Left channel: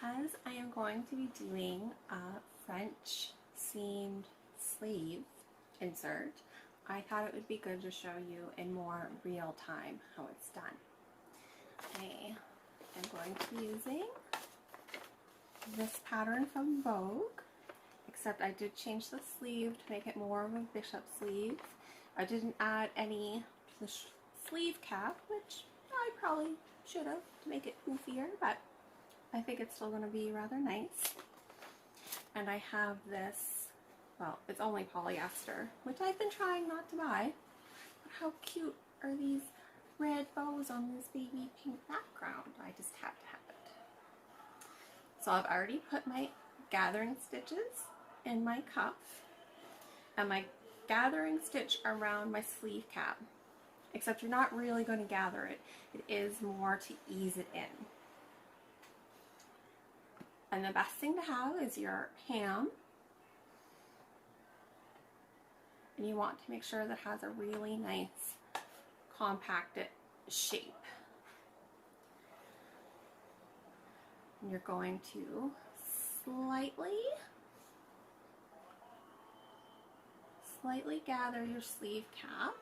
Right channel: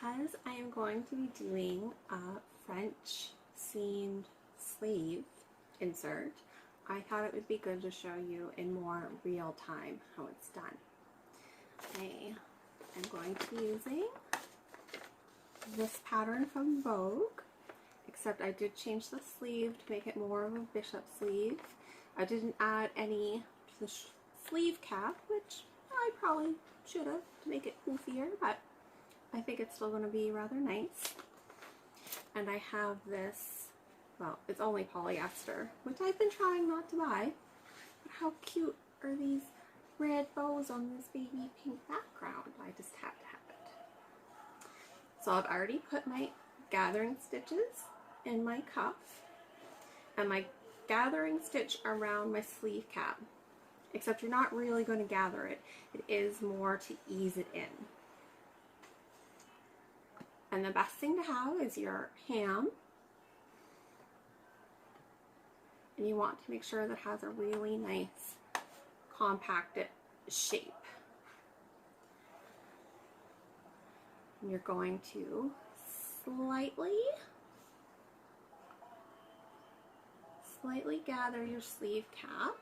because I am going to be doing a French seamed sleeve insert, I thought it would be good to show you in more real time how it's done. I am going to be using this pattern from Vogue, except I did change the sleeve to make it more of a bishop sleeve. I didn't add any to the sleeve cap, which I probably should have to make it poofier, but I think it's still going to be rather nice. And I have this, well, it's only polyester, which I've been trying not to buy. But how cute are these red bows on this baby pink background? I just have to have it. So I've already put my gathering stitches in my cuff and my gathering stitch around my sleeve cap. Except you're not really going to gather it. It is more to ease it in. And the best thing to have is your ham. And you want to make sure that it has a really nice compacted shape. And you're going to slightly gather your sleeve cap.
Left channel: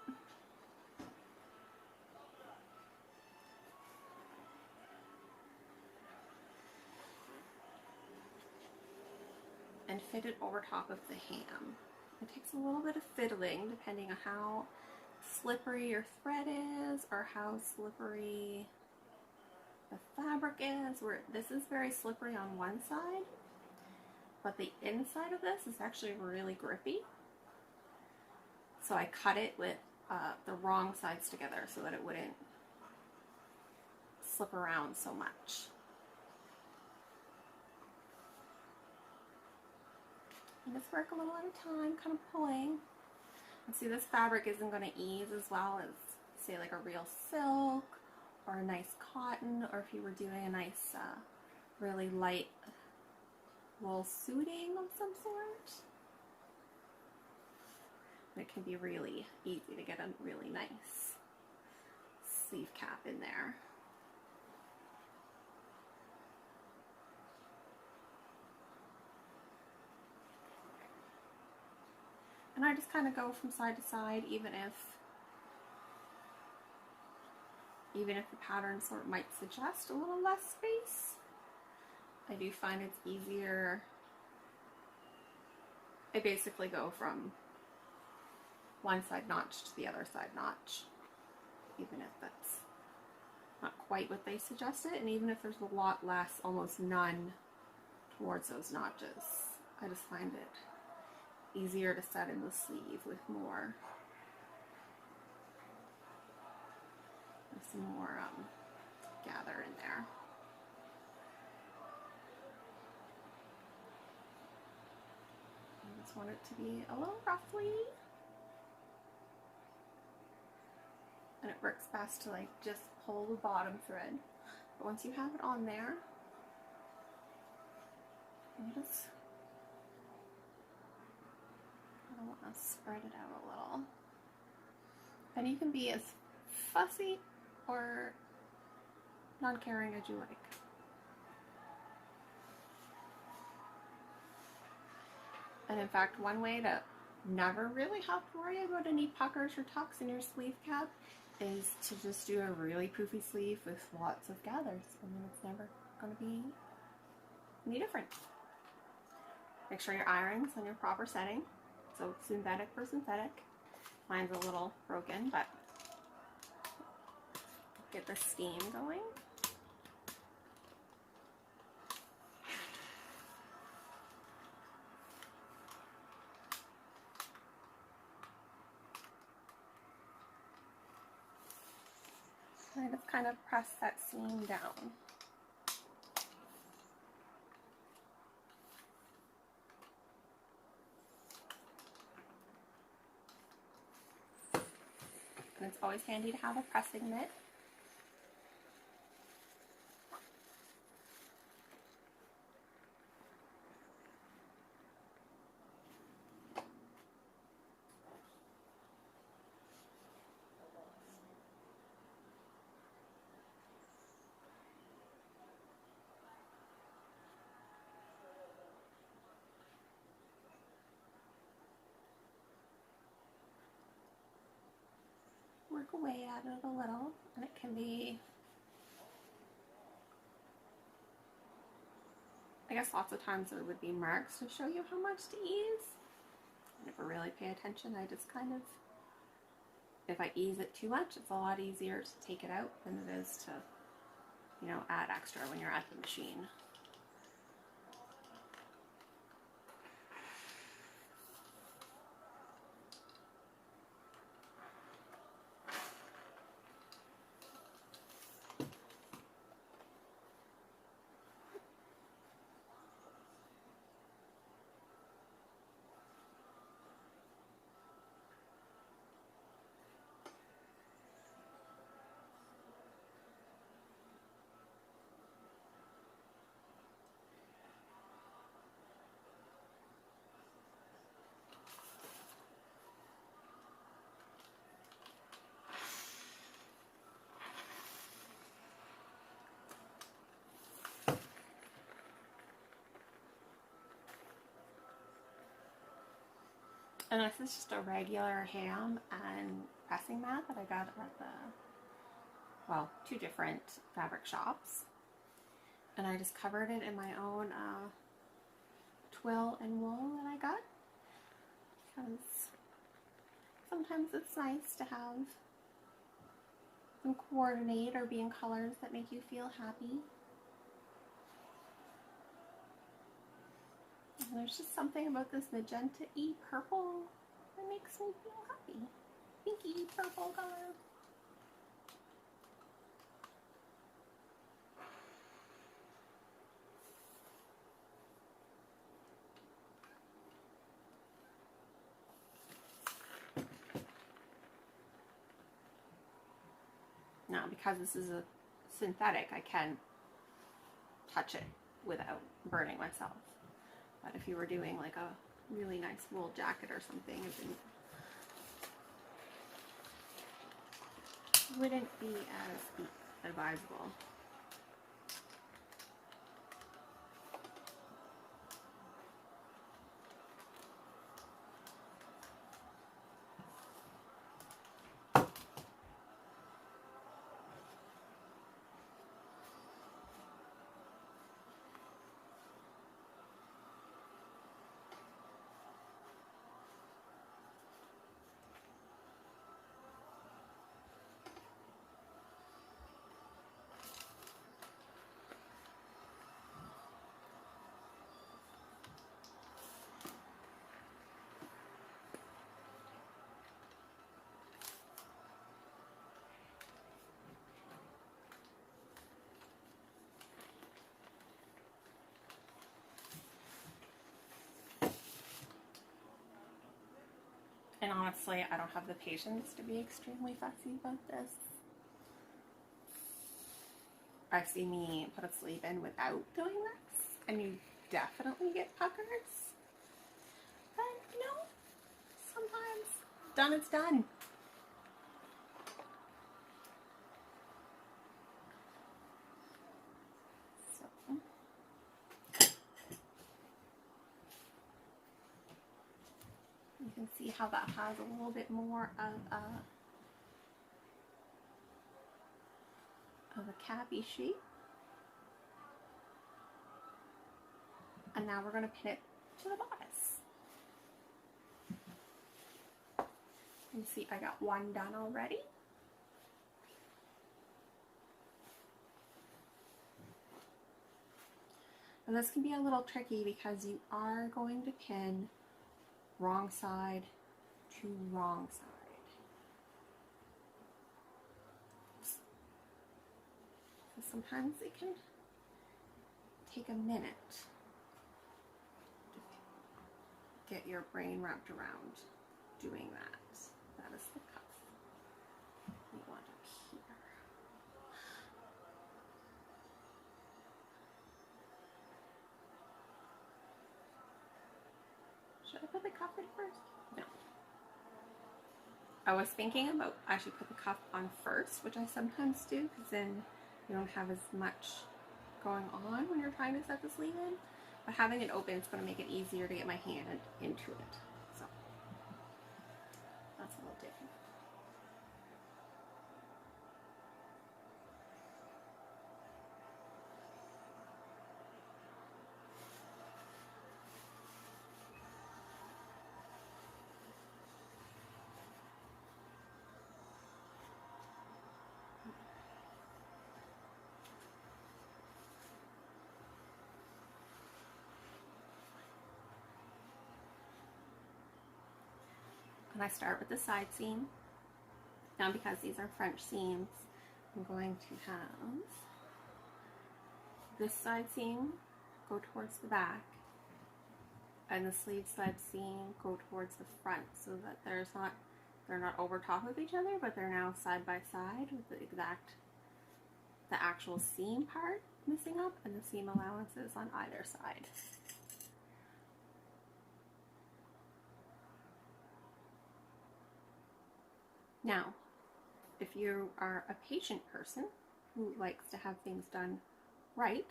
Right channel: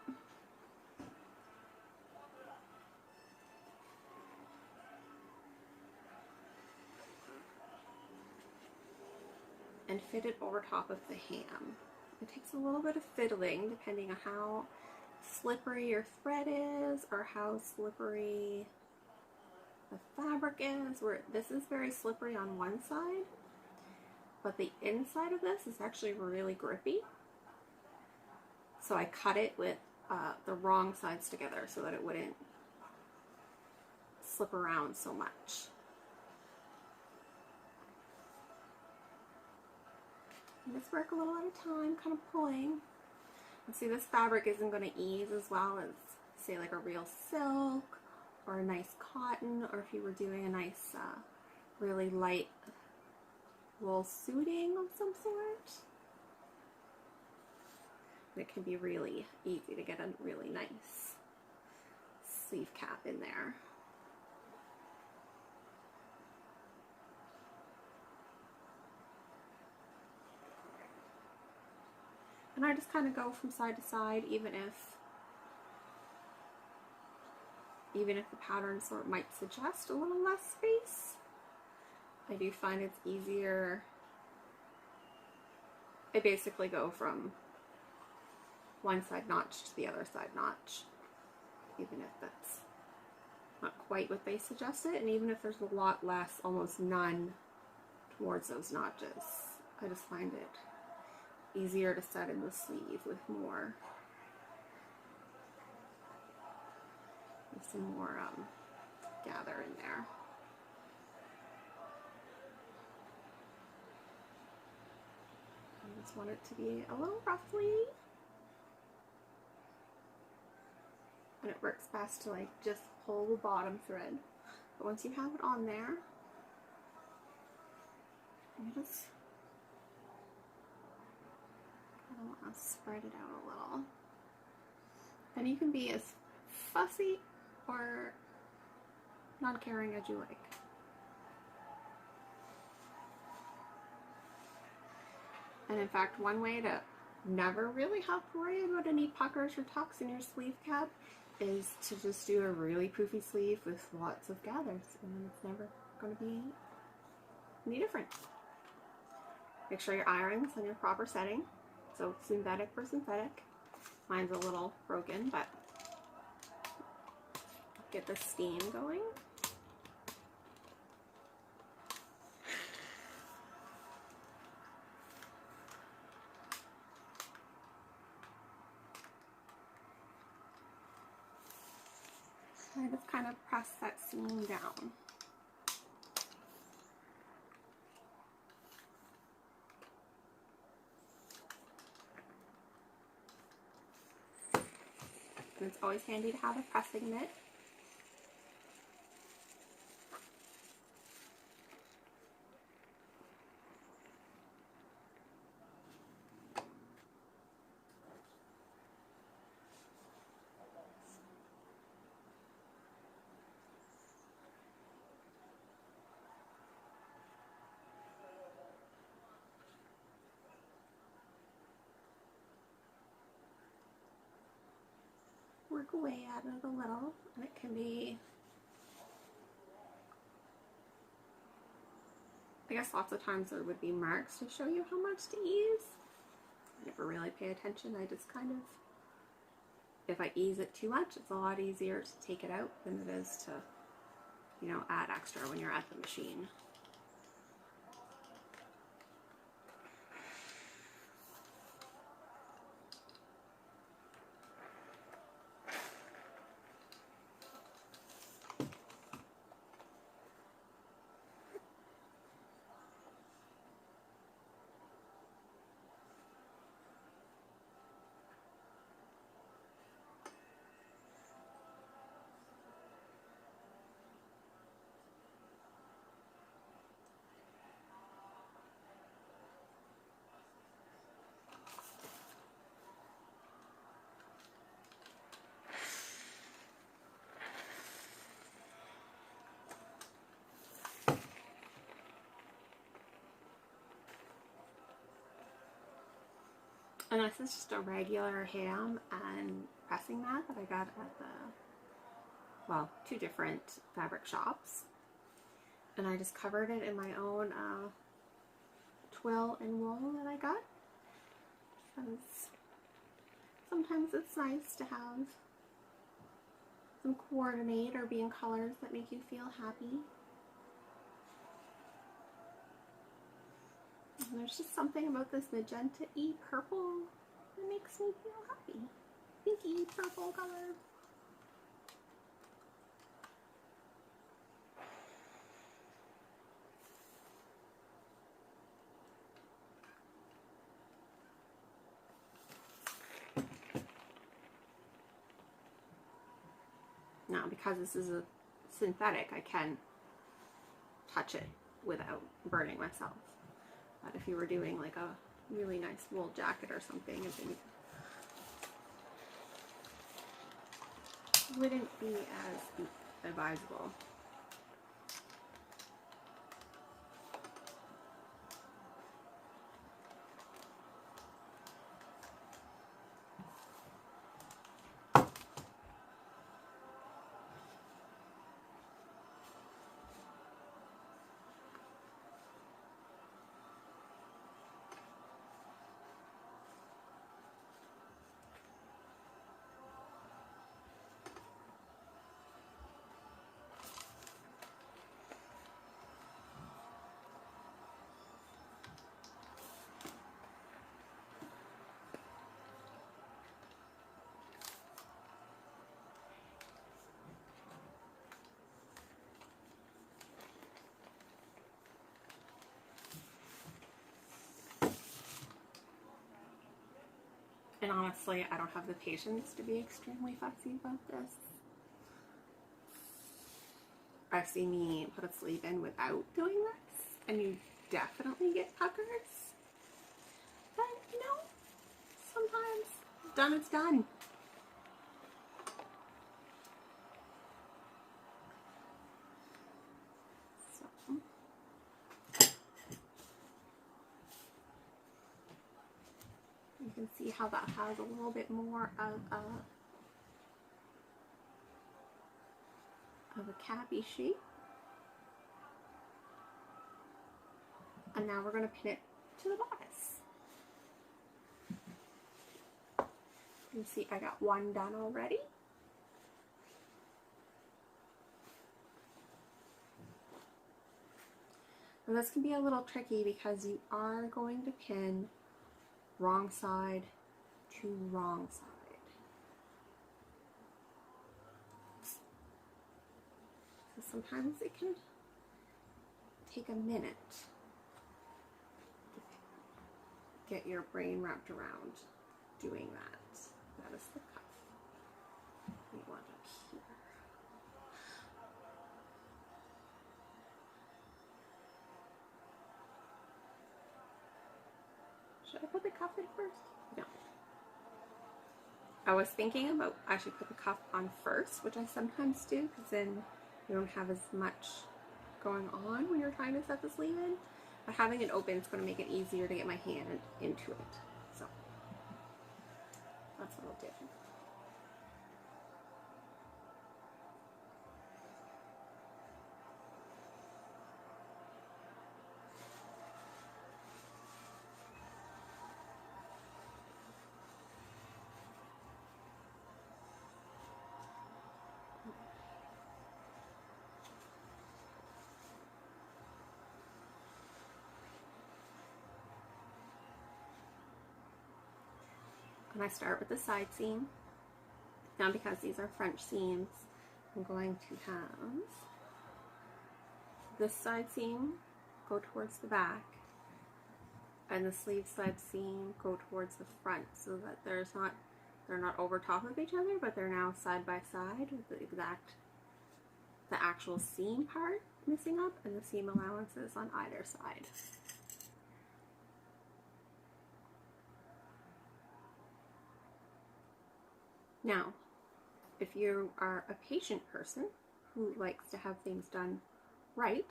And fit it over top of the ham. It takes a little bit of fiddling depending on how slippery your thread is or how slippery the fabric is. Where this is very slippery on one side, but the inside of this is actually really grippy. So I cut it with the wrong sides together so that it wouldn't slip around so much. Just work a little at a time, kind of pulling. And see, this fabric isn't going to ease as well as, say, like a real silk or a nice cotton, or if you were doing a nice, really light wool suiting of some sort. It can be really easy to get a really nice sleeve cap in there. And I just kind of go from side to side, even if the pattern sort of might suggest a little less space. I do find it's easier. I basically go from one side notch to the other side notch, even if that's not quite what they suggested, and even if there's a lot less, almost none towards those notches. I just find it easier to set in the sleeve with some more gather in there. I just want it to be a little ruffly, and it works best to like just pull the bottom thread. But once you have it on there, you just I want to spread it out a little. And you can be as fussy or non-caring as you like. And in fact, one way to never really have to worry about any puckers or tucks in your sleeve cap is to just do a really poofy sleeve with lots of gathers, and it's never going to be any different. Make sure your iron's in your proper setting. So synthetic for synthetic. Mine's a little broken, but get the steam going. I just kind of press that seam down. And it's always handy to have a pressing mitt. work away at it a little, and it can be, I guess lots of times there would be marks to show you how much to ease. I never really pay attention. I just kind of, if I ease it too much, it's a lot easier to take it out than it is to, you know, add extra when you're at the machine. And this is just a regular ham and pressing mat that I got at the, well, 2 different fabric shops. And I just covered it in my own twill and wool that I got. Because sometimes it's nice to have some coordinate or be in colors that make you feel happy. And there's just something about this magenta-y purple that makes me feel happy. Pinky purple color. Now, because this is a synthetic, I can touch it without burning myself. But if you were doing like a really nice wool jacket or something, then it wouldn't be as advisable. And honestly, I don't have the patience to be extremely fussy about this. I've seen me put a sleeve in without doing this, and you definitely get puckers. But no, sometimes done is done. You can see how that has a little bit more of a cappy shape. And now we're going to pin it to the bodice. You see I got one done already. And this can be a little tricky because you are going to pin wrong side to wrong side. So sometimes it can take a minute to get your brain wrapped around doing that. That is the cuff. We want it here. Should I put the cuff in first? No. I was thinking about I should put the cuff on first, which I sometimes do, because then you don't have as much going on when you're trying to set the sleeve in. But having it open is going to make it easier to get my hand into it. So that's what I'll do. And I start with the side seam. Now because these are French seams, I'm going to have this side seam go towards the back and the sleeve side seam go towards the front, so that they're not over top of each other, but they're now side by side with the actual seam part missing up and the seam allowances on either side. Now, if you are a patient person who likes to have things done right,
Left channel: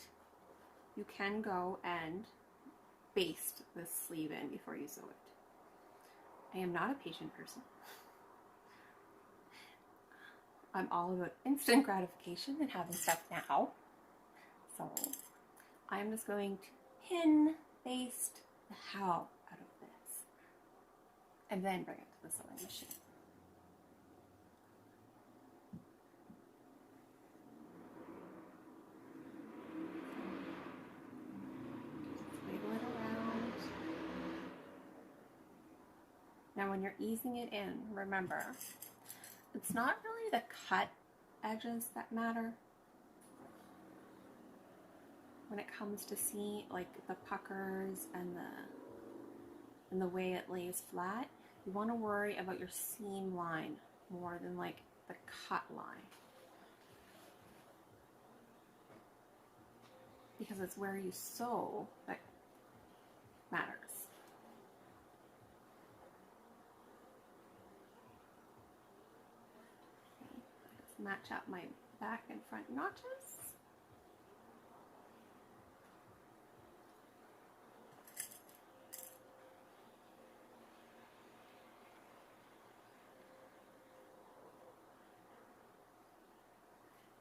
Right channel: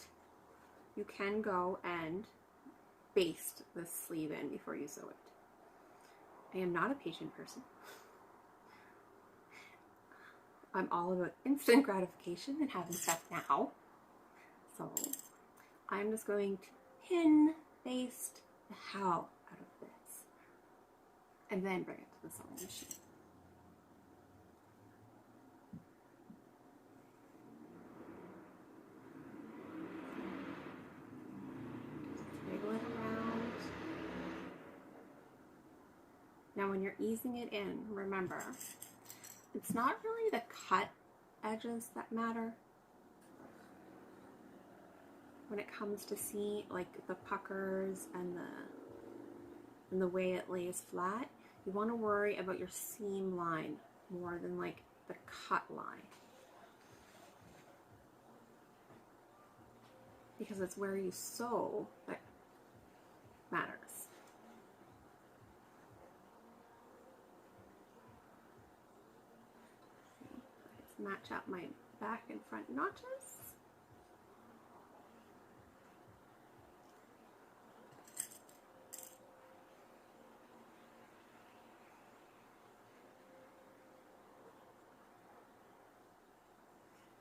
you can go and baste the sleeve in before you sew it. I am not a patient person. I'm all about instant gratification and having stuff now. So I'm just going to pin baste the hell out of this and then bring it to the sewing machine. Wiggle it around. Now when you're easing it in, remember, it's not really the cut edges that matter when it comes to see like the puckers and the way it lays flat. You want to worry about your seam line more than like the cut line, because it's where you sew that matters. Just match up my back and front notches.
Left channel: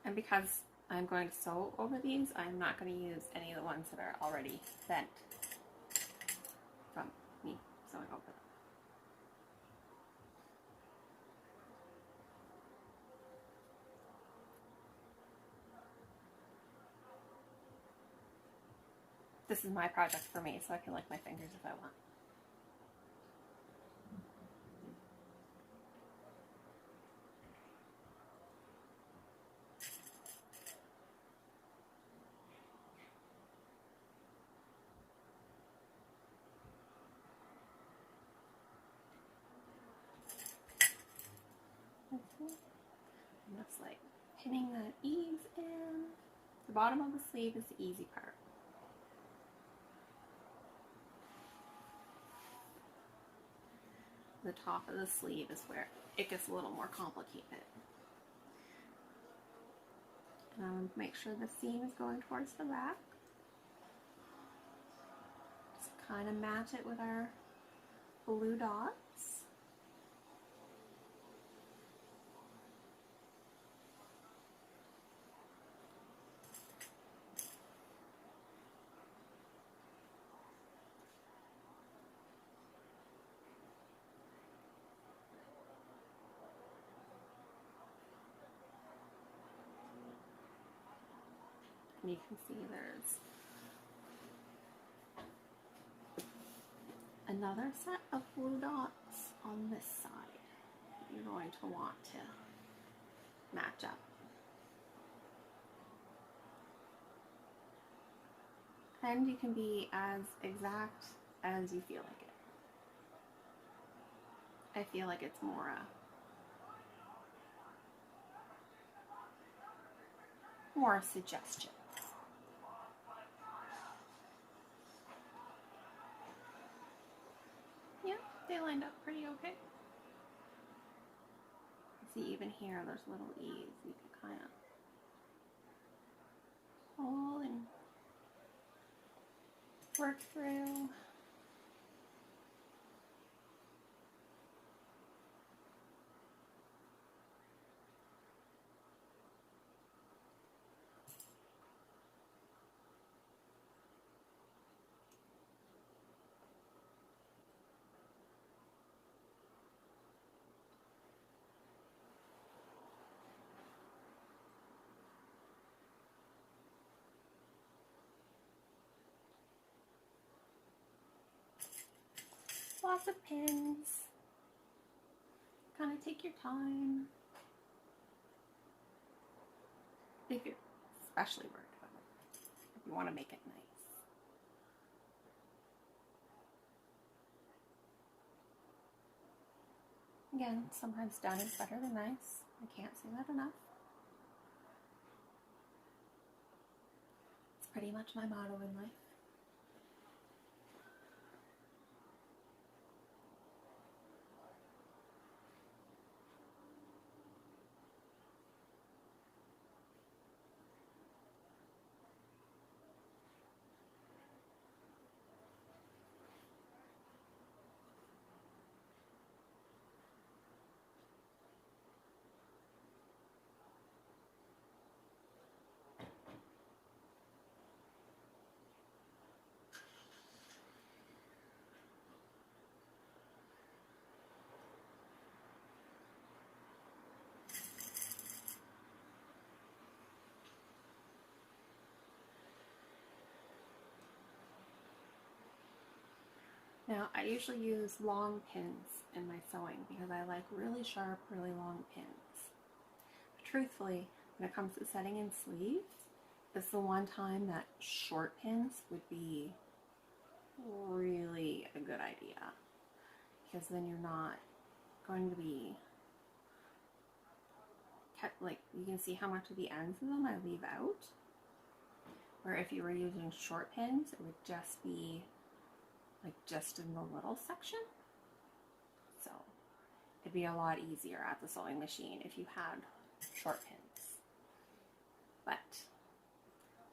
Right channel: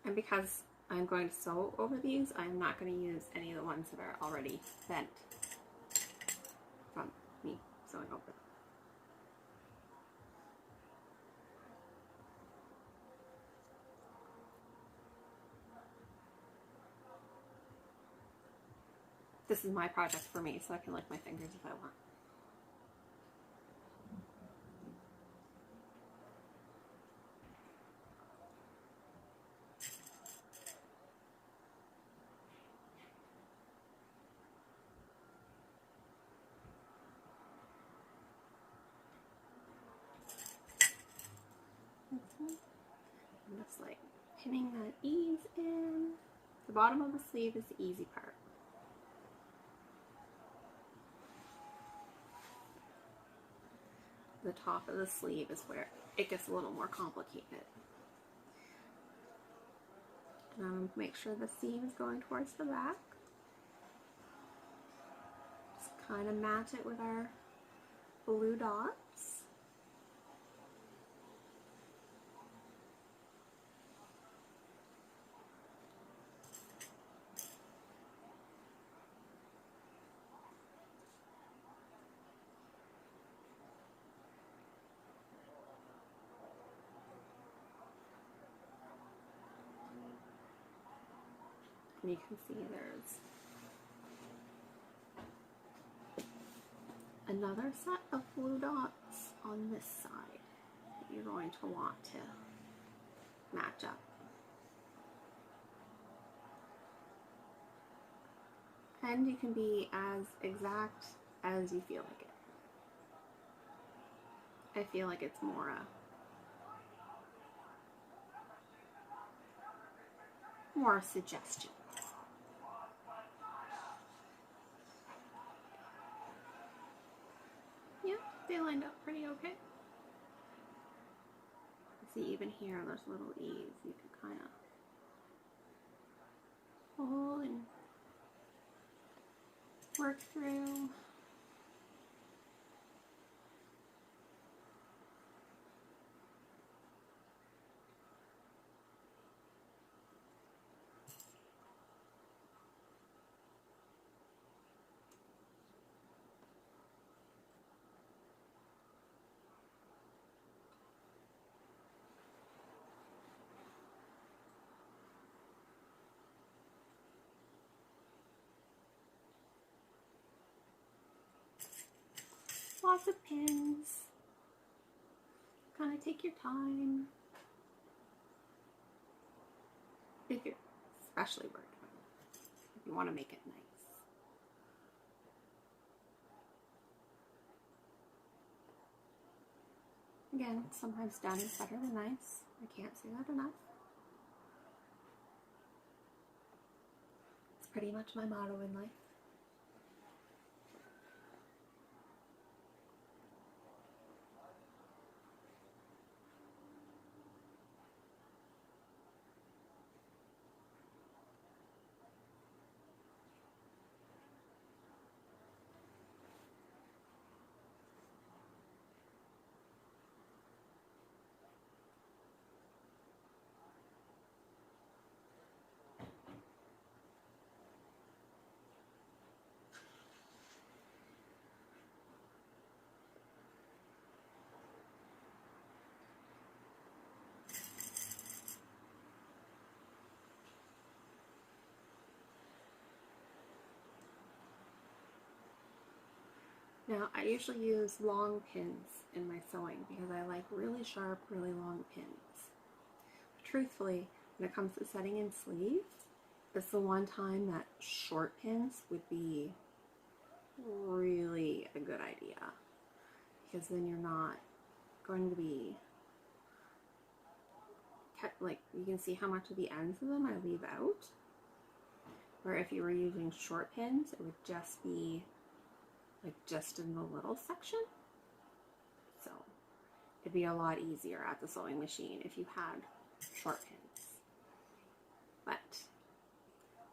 And because I'm going to sew over these, I'm not going to use any of the ones that are already bent from me sewing over them. This is my project for me, so I can lick my fingers if I want. I'm just like pinning that ease in. The bottom of the sleeve is the easy part. The top of the sleeve is where it gets a little more complicated. Make sure the seam is going towards the back. Just kind of match it with our blue dots. And you can see there's another set of blue dots on this side that you're going to want to match up. And you can be as exact as you feel like it. I feel like it's more a suggestion. Yeah, they lined up pretty okay. You see even here, those little E's, you can kind of pull and work through. Lots of pins. kind of take your time. If you're especially worried about it, if you want to make it nice. Again, sometimes done is better than nice. I can't say that enough. It's pretty much my motto in life. Now, I usually use long pins in my sewing because I like really sharp, really long pins. Truthfully, when it comes to setting in sleeves, it's the one time that short pins would be really a good idea, because then you're not going to be kept, like, you can see how much of the ends of them I leave out, where if you were using short pins, it would just be like just in the little section. So it'd be a lot easier at the sewing machine if you had short pins, but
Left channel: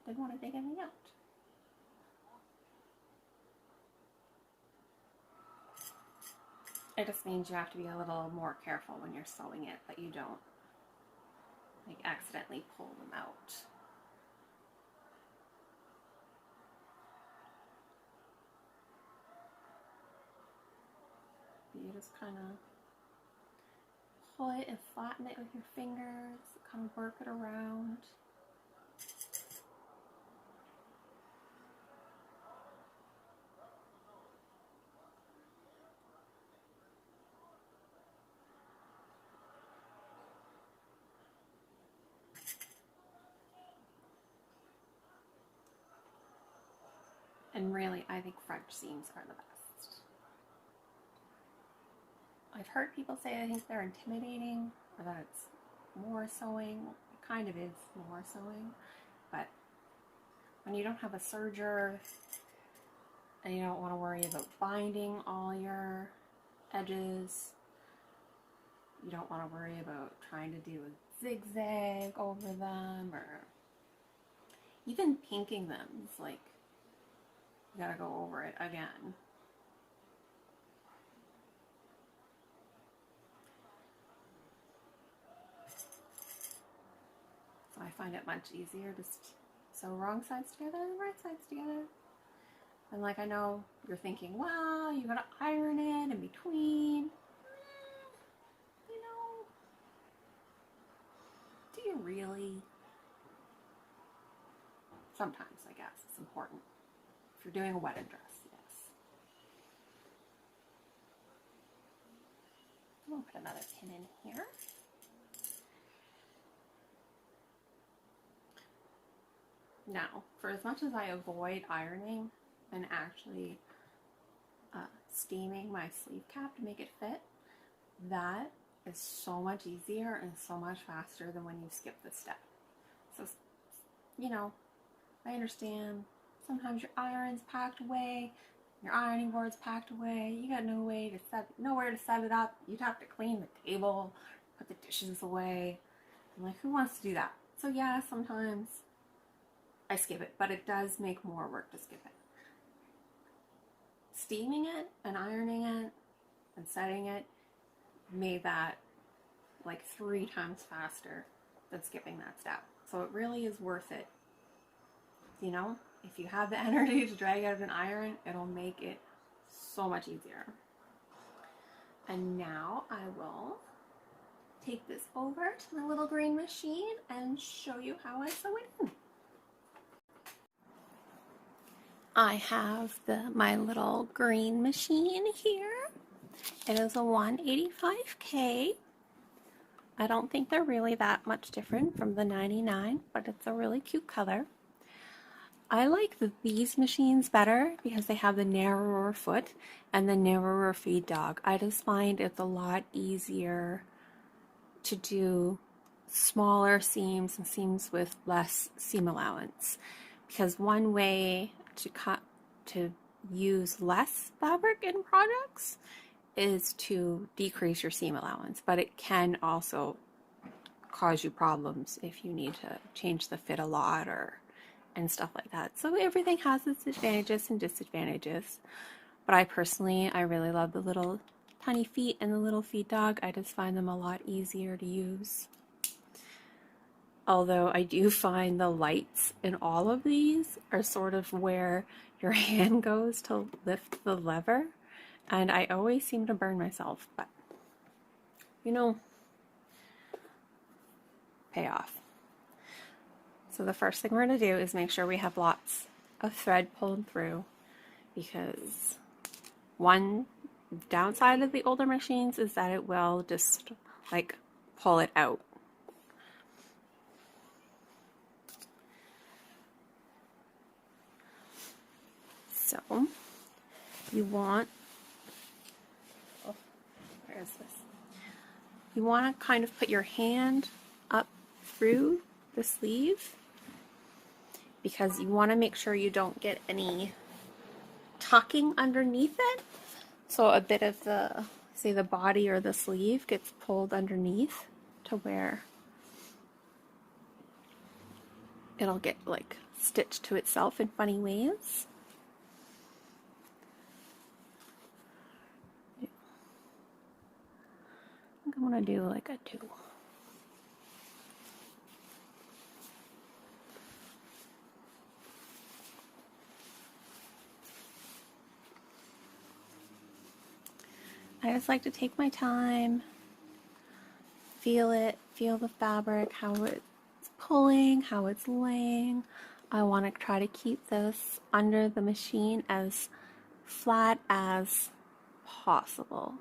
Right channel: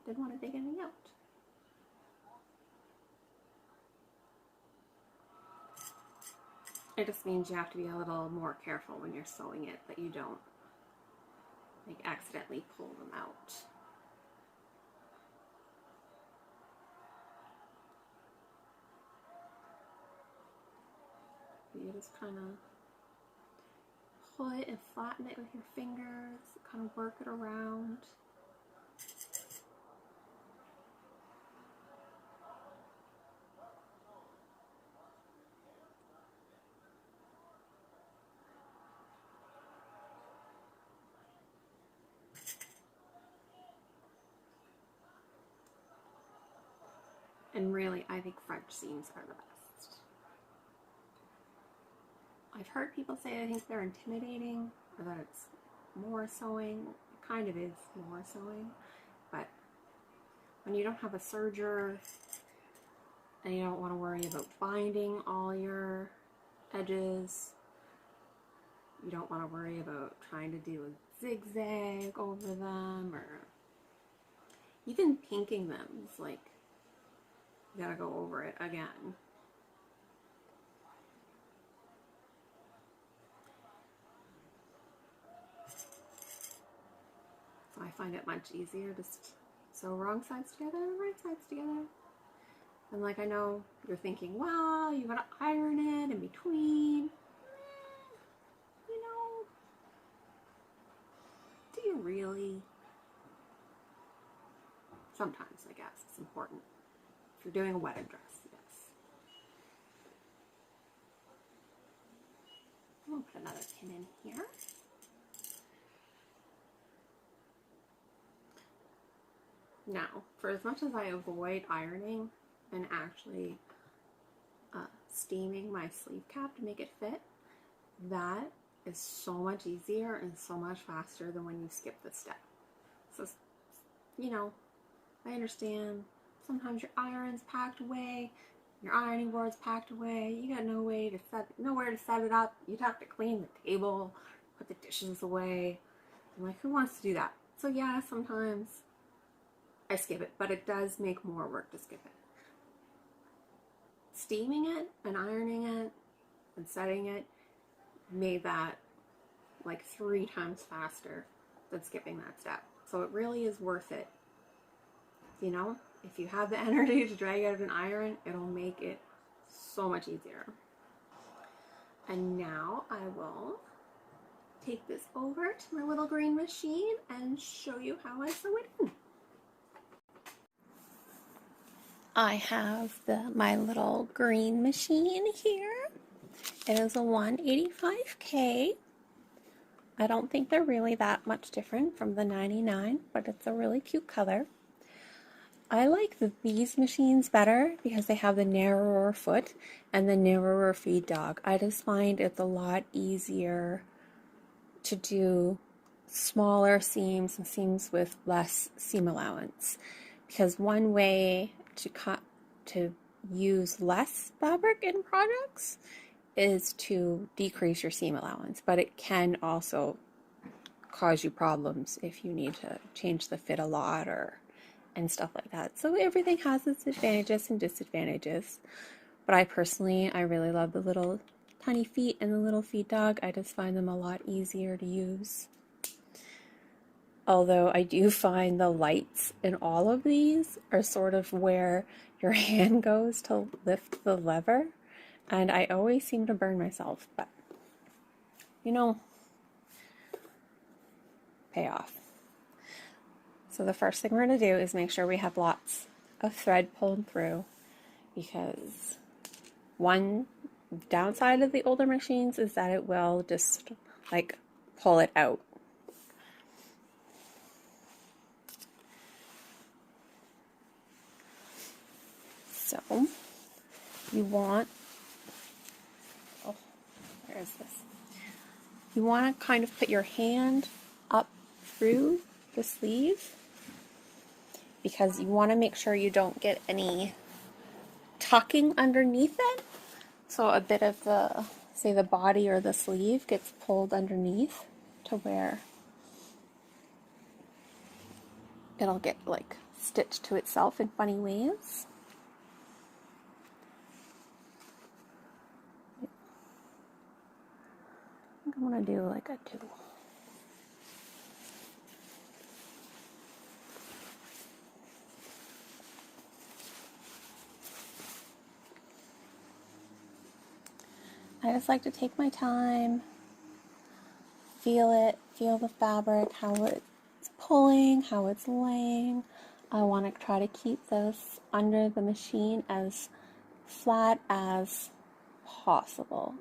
didn't want to dig anything out. It just means you have to be a little more careful when you're sewing it that you don't like accidentally pull them out. You just kind of pull it and flatten it with your fingers, kind of work it around. And really, I think French seams are the best. I've heard people say I think they're intimidating, or that it's more sewing. It kind of is more sewing, but when you don't have a serger and you don't want to worry about binding all your edges, you don't want to worry about trying to do a zigzag over them, or even pinking them. It's like you gotta go over it again. So I find it much easier to sew wrong sides together and right sides together. And like, I know you're thinking, wow, you gotta iron it in between. You know, do you really? Sometimes, I guess, it's important. If you're doing a wedding dress, yes. I'll put another pin in here. Now, for as much as I avoid ironing and actually steaming my sleeve cap to make it fit, that is so much easier and so much faster than when you skip this step. So, you know, I understand sometimes your iron's packed away, your ironing board's packed away, you got nowhere to set it up. You'd have to clean the table, put the dishes away. I'm like, who wants to do that? So yeah, sometimes I skip it, but it does make more work to skip it. Steaming it and ironing it and setting it made that like 3 times faster than skipping that step. So it really is worth it. You know, if you have the energy to drag out an iron, it'll make it so much easier. And now I will take this over to my little green machine and show you how I sew it in. I have my little green machine here, It is a 185K. I don't think they're really that much different from the 99, but it's a really cute color. I like these machines better because they have the narrower foot and the narrower feed dog. I just find it's a lot easier to do smaller seams and seams with less seam allowance, because one way to use less fabric in projects is to decrease your seam allowance, but it can also cause you problems if you need to change the fit a lot and stuff like that. So everything has its advantages and disadvantages. But I really love the little tiny feet and the little feet dog. I just find them a lot easier to use. Although I do find the lights in all of these are sort of where your hand goes to lift the lever. And I always seem to burn myself, but pay off. So the first thing we're going to do is make sure we have lots of thread pulled through, because one downside of the older machines is that it will just like pull it out. So you want, where is this? You want to kind of put your hand up through the sleeve, because you want to make sure you don't get any tucking underneath it. So a bit of the, say the body or the sleeve gets pulled underneath to where it'll get like stitched to itself in funny ways. I'm going to do like a 2. I just like to take my time, feel it, feel the fabric, how it's pulling, how it's laying. I want to try to keep this under the machine as flat as possible.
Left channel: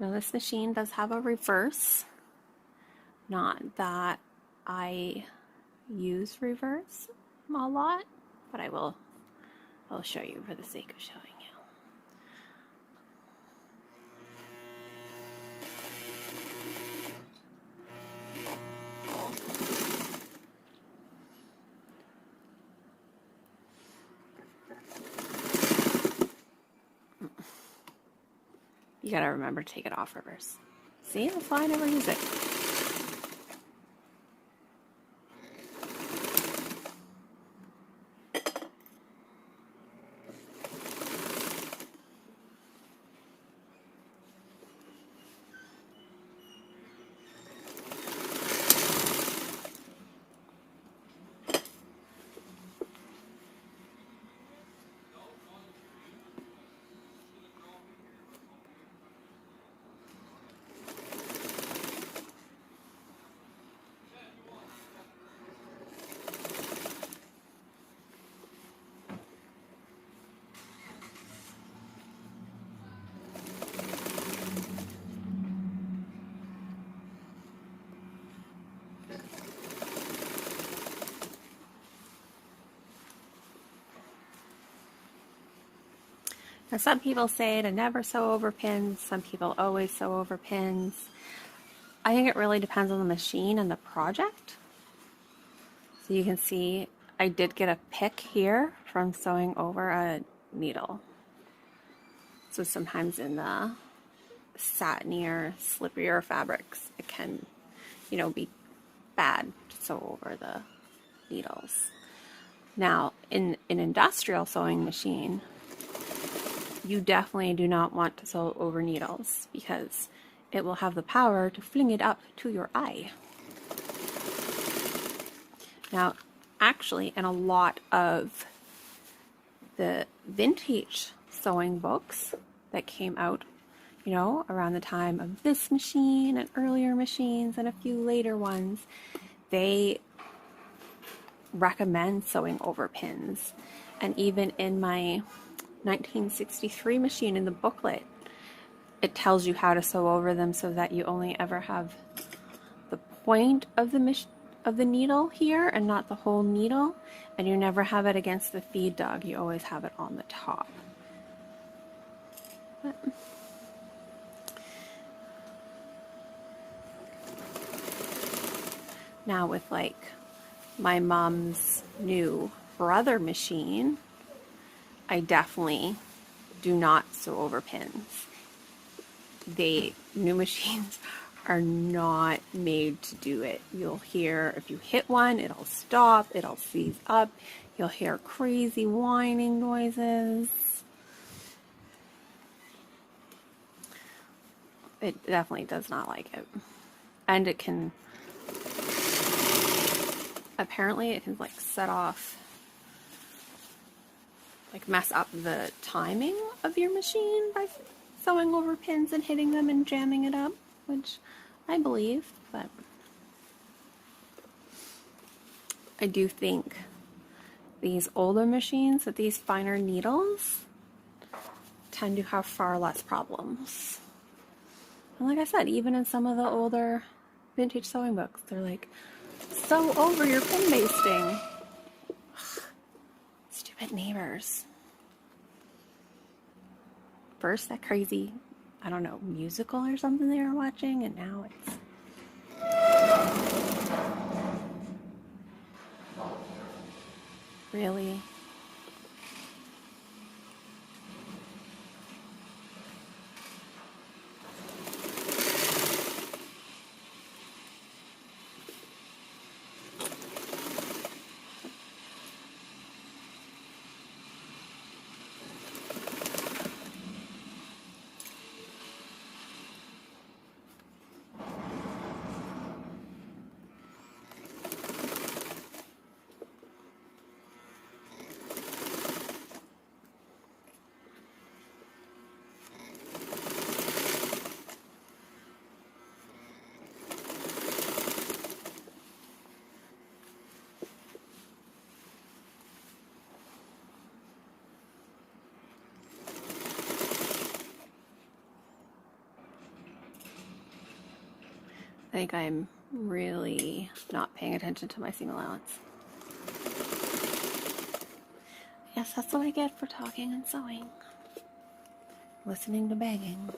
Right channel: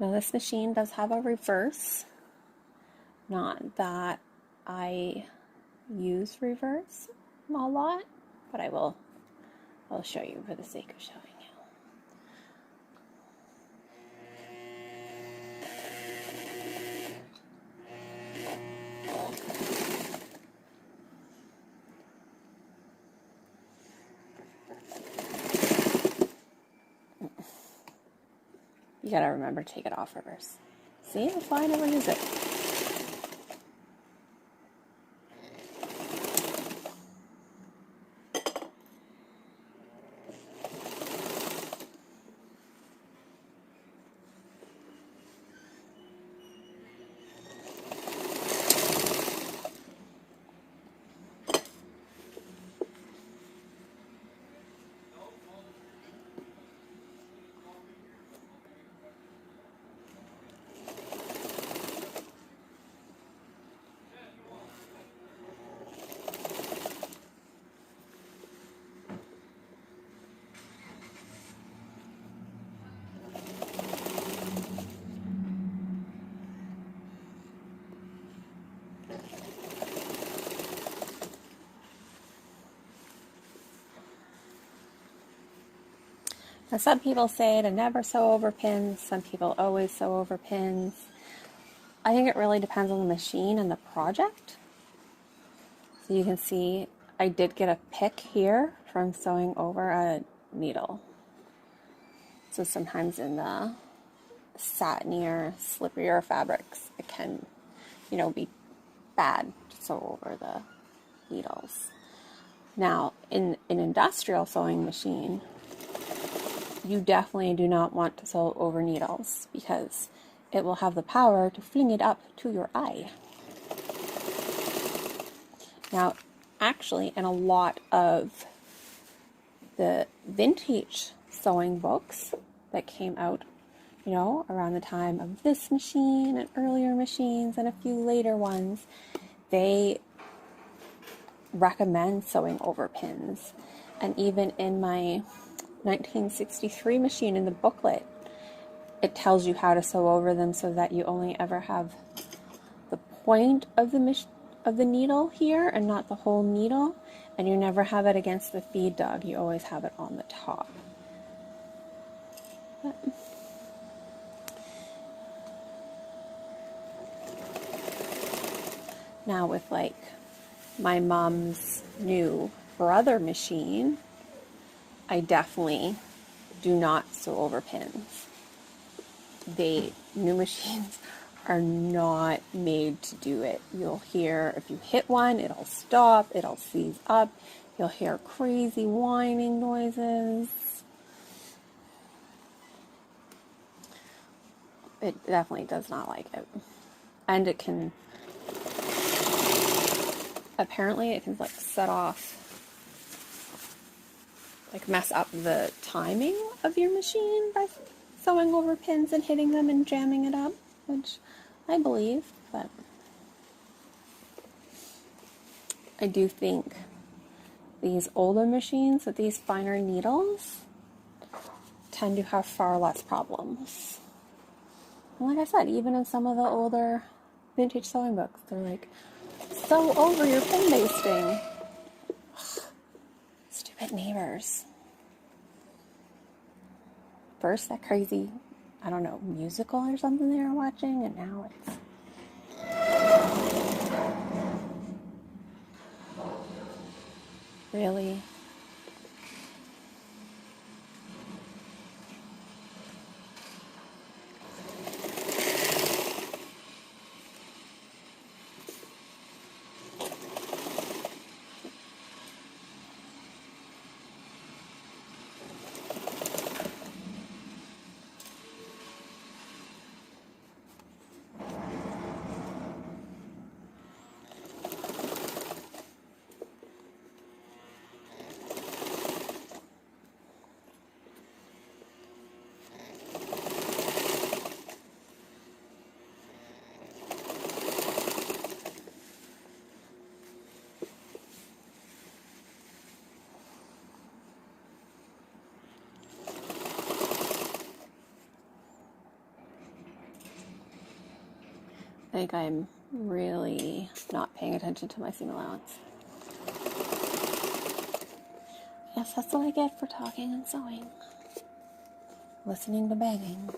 Now this machine does have a reverse. Not that I use reverse a lot, but I'll show you for the sake of showing you. You gotta remember to take it off reverse. See, that's why I never use it. Now some people say to never sew over pins, some people always sew over pins. I think it really depends on the machine and the project. So you can see I did get a pick here from sewing over a needle. So sometimes in the satinier, slipperier fabrics, it can, be bad to sew over the needles. Now, in an industrial sewing machine, you definitely do not want to sew over needles, because it will have the power to fling it up to your eye. Now, actually, in a lot of the vintage sewing books that came out, around the time of this machine and earlier machines and a few later ones, they recommend sewing over pins. And even in my 1963 machine in the booklet, it tells you how to sew over them so that you only ever have the point of the needle here and not the whole needle, and you never have it against the feed dog. You always have it on the top. But now with like my mom's new brother machine, I definitely do not sew over pins. New machines are not made to do it. You'll hear, if you hit one, it'll stop, it'll seize up, you'll hear crazy whining noises. It definitely does not like it. And it can, apparently it can like set off, like mess up the timing of your machine by sewing over pins and hitting them and jamming it up, which I believe, but I do think these older machines with these finer needles tend to have far less problems. And like I said, even in some of the older vintage sewing books, they're like, sew over your pin basting. Ugh, stupid neighbors. First, that crazy, I don't know, musical or something they were watching, and now it's... Really? I think I'm really not paying attention to my seam allowance. Yes, that's what I get for talking and sewing. Listening to banging.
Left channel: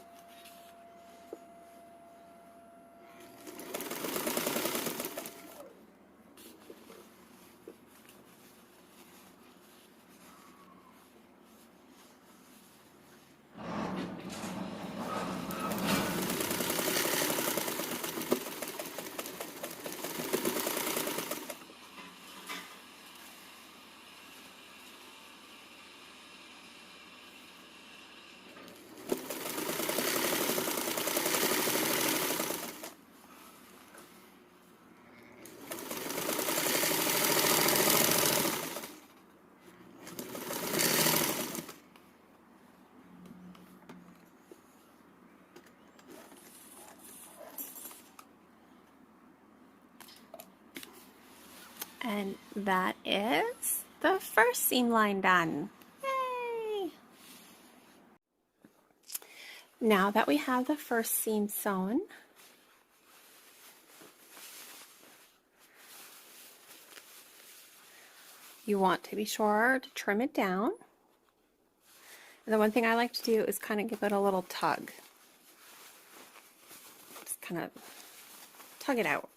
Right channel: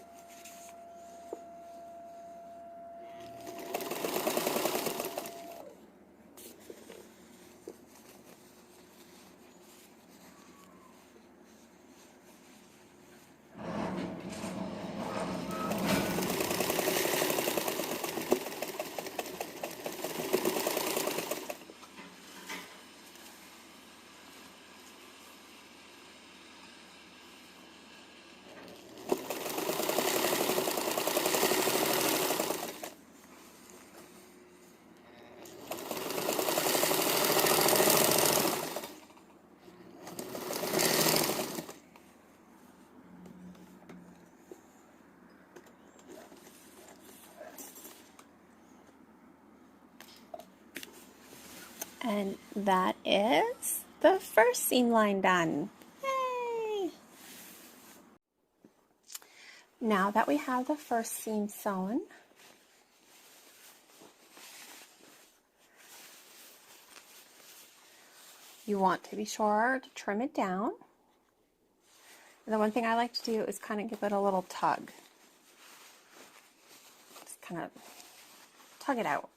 And that is the first seam line done. Yay! Now that we have the first seam sewn, you want to be sure to trim it down. And the one thing I like to do is kind of give it a little tug. Just kind of tug it out.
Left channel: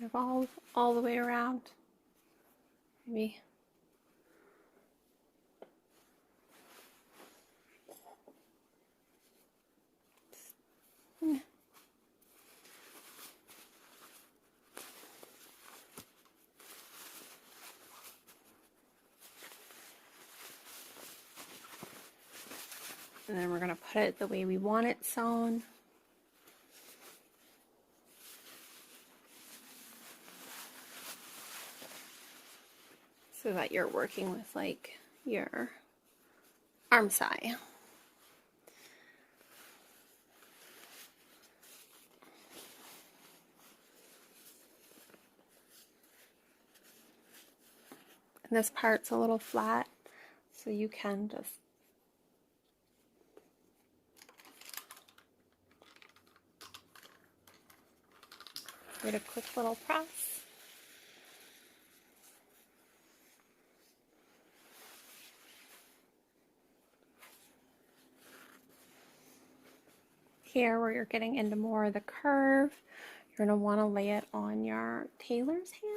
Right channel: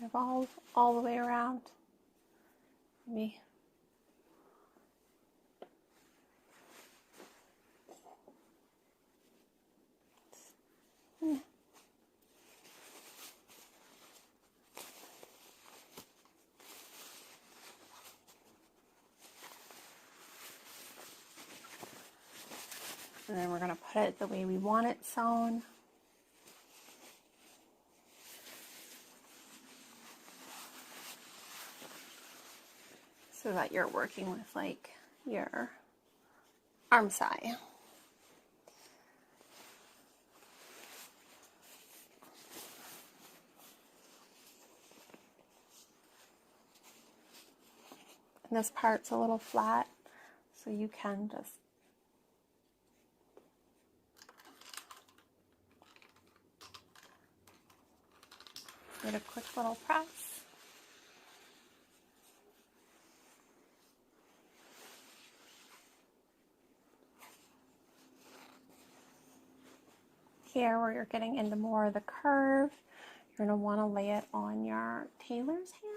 Kind of all the way around. Maybe. And then we're going to put it the way we want it sewn. So that you're working with like your armscye. And this part's a little flat, so you can just Get a quick little press. Here where you're getting into more of the curve, you're going to want to lay it on your tailor's ham.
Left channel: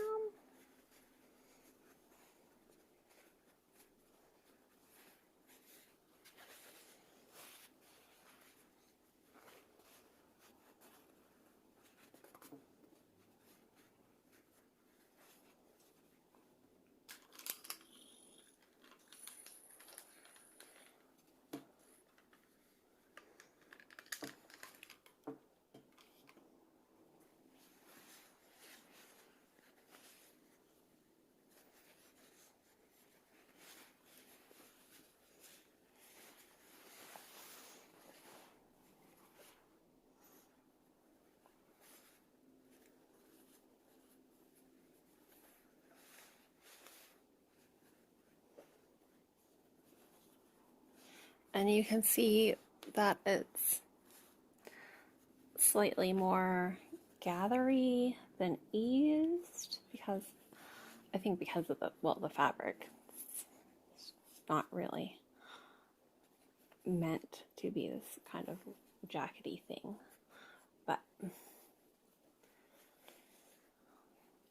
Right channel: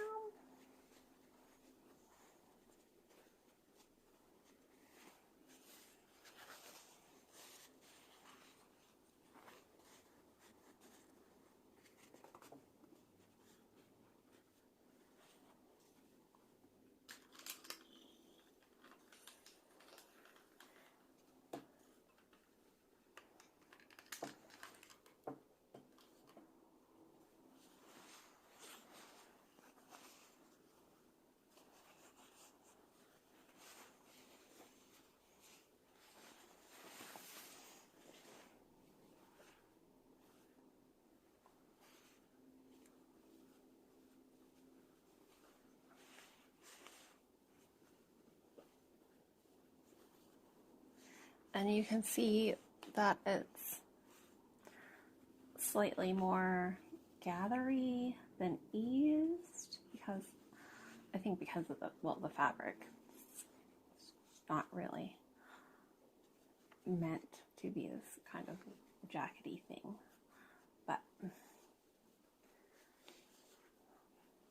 And you can see that it's slightly more gathery than eased because I think because of the fabric. It's not really meant to be this kind of jackety thing. But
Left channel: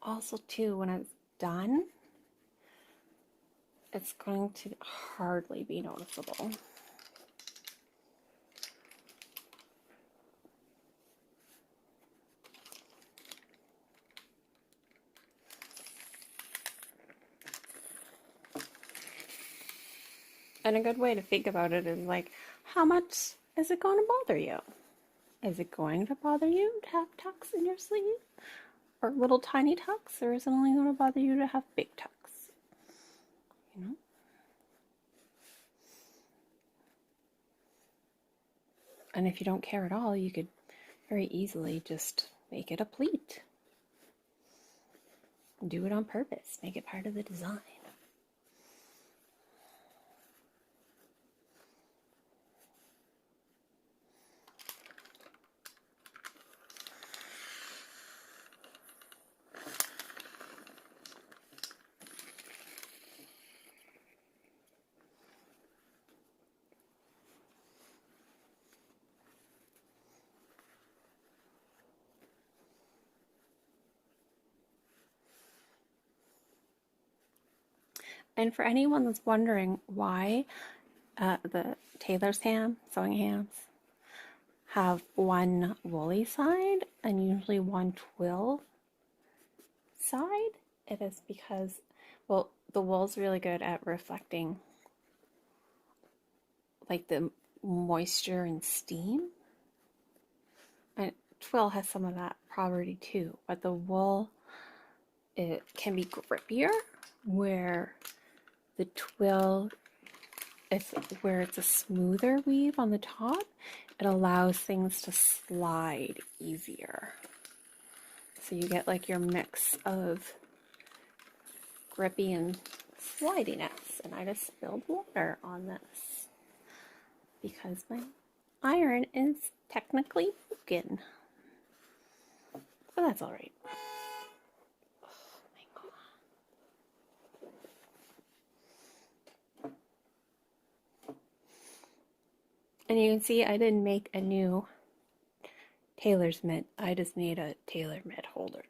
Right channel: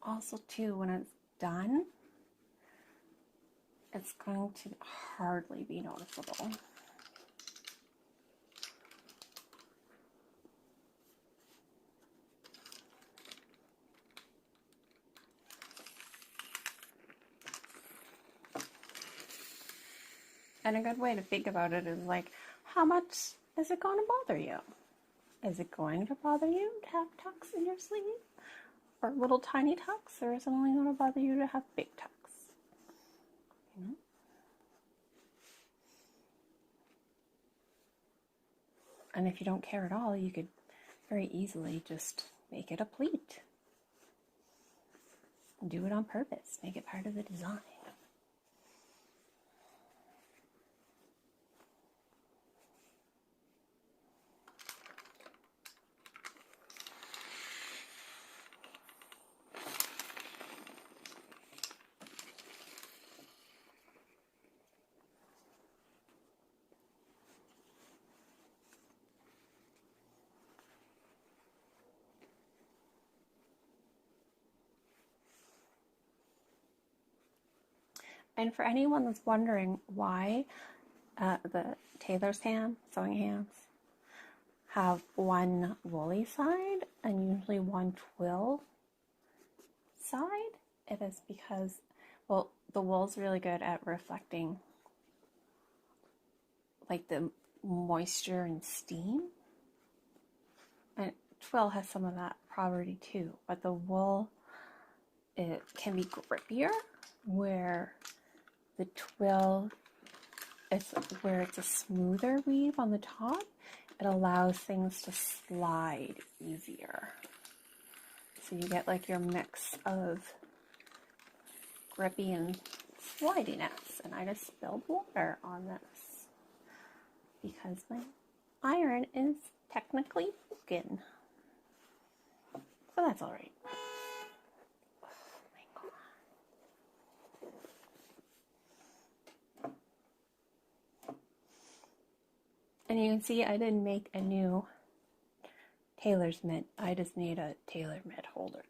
also too, when it's done, it's going to hardly be noticeable. And a good way to think about it is like, how much is it going to bother you? Is it going to bother you to have tucks in your sleeve? Or little tiny tucks? Or is it only going to bother you to have big tucks? You know? And if you don't care at all, you could very easily just make it a pleat. Do it on purpose. Make it part of the design. And for anyone that's wondering why the tailor's ham, sewing hams, have one woolly side and usually one twill side, it is because, well, the wool's really good at reflecting like the moisture and steam. And twill has some of that property too, but the wool, it can be grippier, where the twill, it's where it's a smoother weave on the top. It allows things to slide easier. So you get like your mix of grippy and slidiness. And I just spilled water on this because my iron is technically broken. But that's all right. And you can see I didn't make a new tailor's mitt. I just made a tailor mitt holder.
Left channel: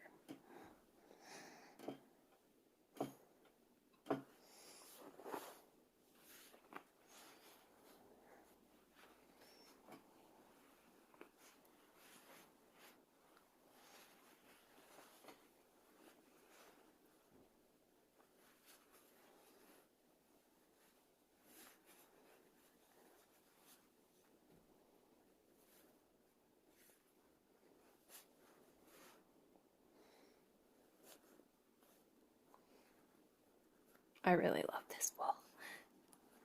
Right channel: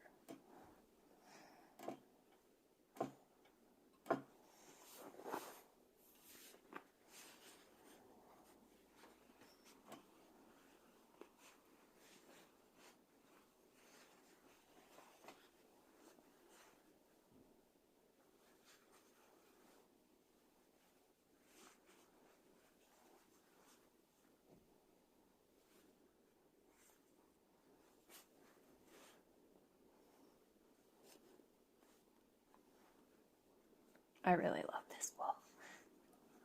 I really love this wool.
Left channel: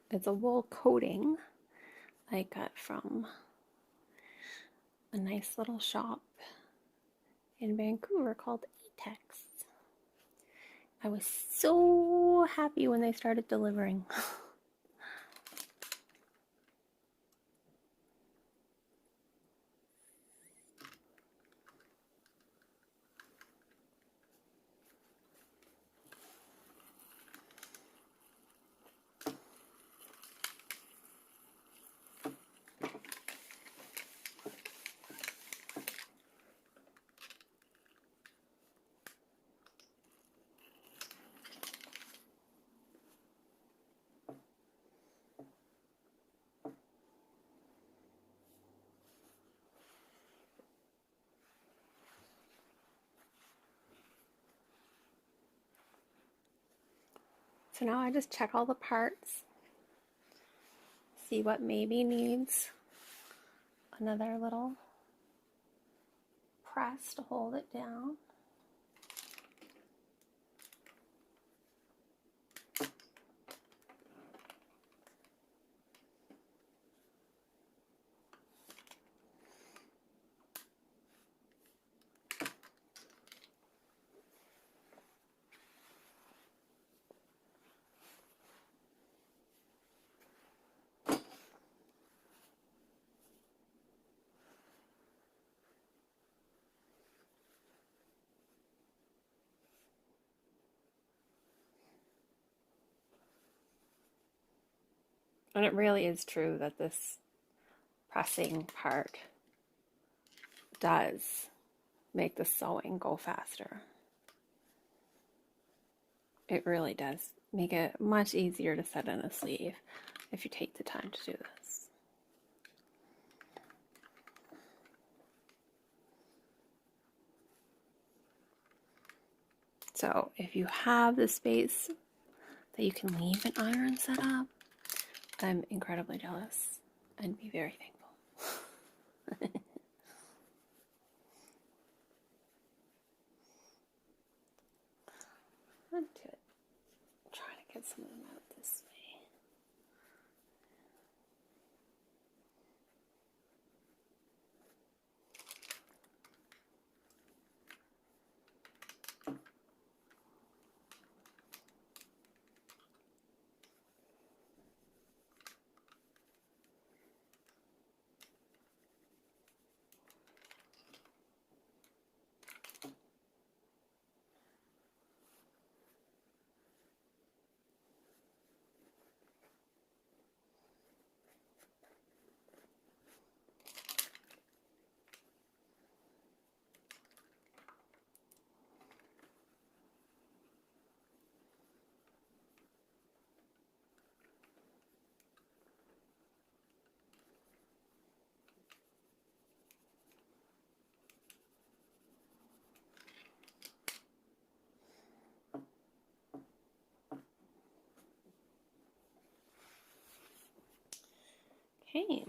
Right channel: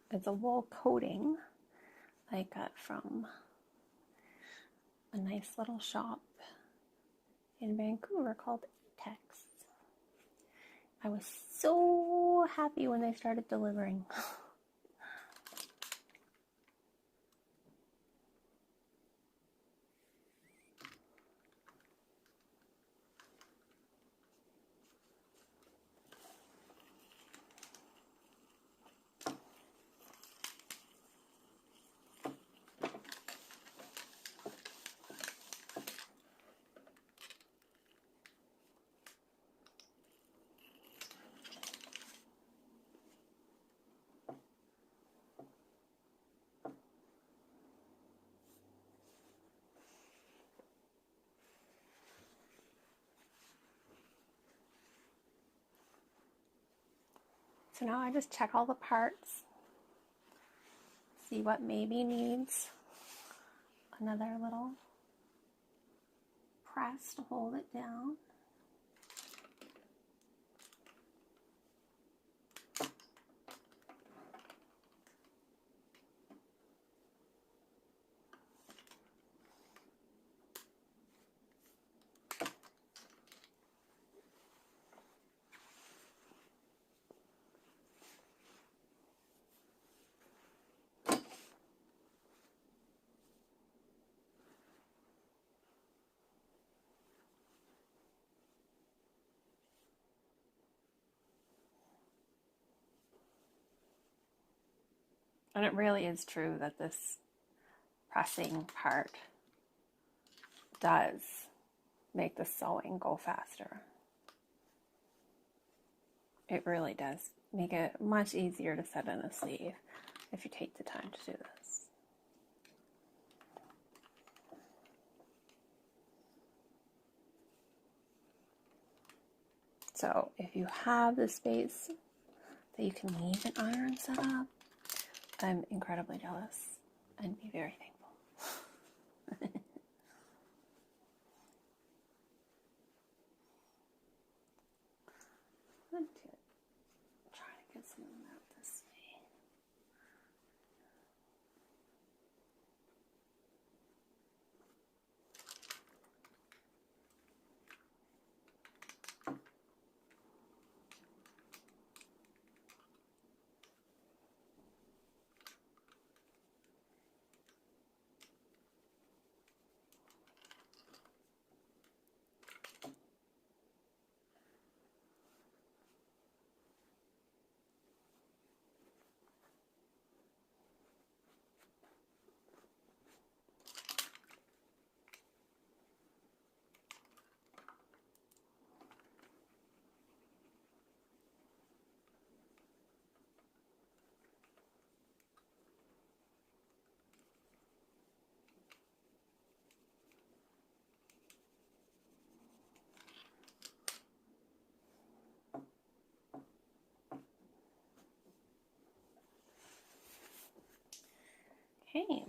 It's a wool coating I got from a nice little shop in Vancouver called Etex. I was so happy when they started delivering. So now I just check all the parts, see what maybe needs another little press to hold it down. And it really is true that this pressing part does make the sewing go faster. It really does make it much easier to set in a sleeve if you take the time to do this. So if you have the space that you can leave an iron set up, I'm incredibly jealous and be very thankful. I'm trying to get some of them out this way. Okay,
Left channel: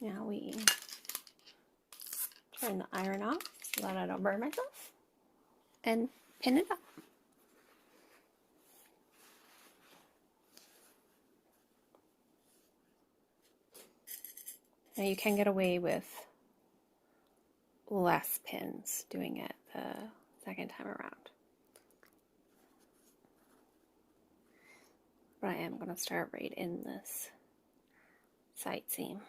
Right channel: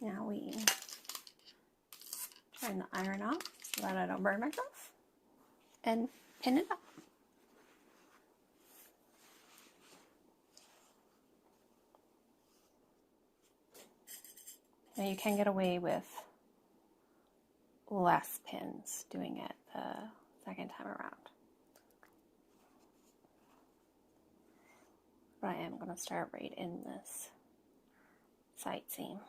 now we turn the iron off so that I don't burn myself and pin it up. Now you can get away with less pins doing it the second time around. But I am going to start right in this side seam.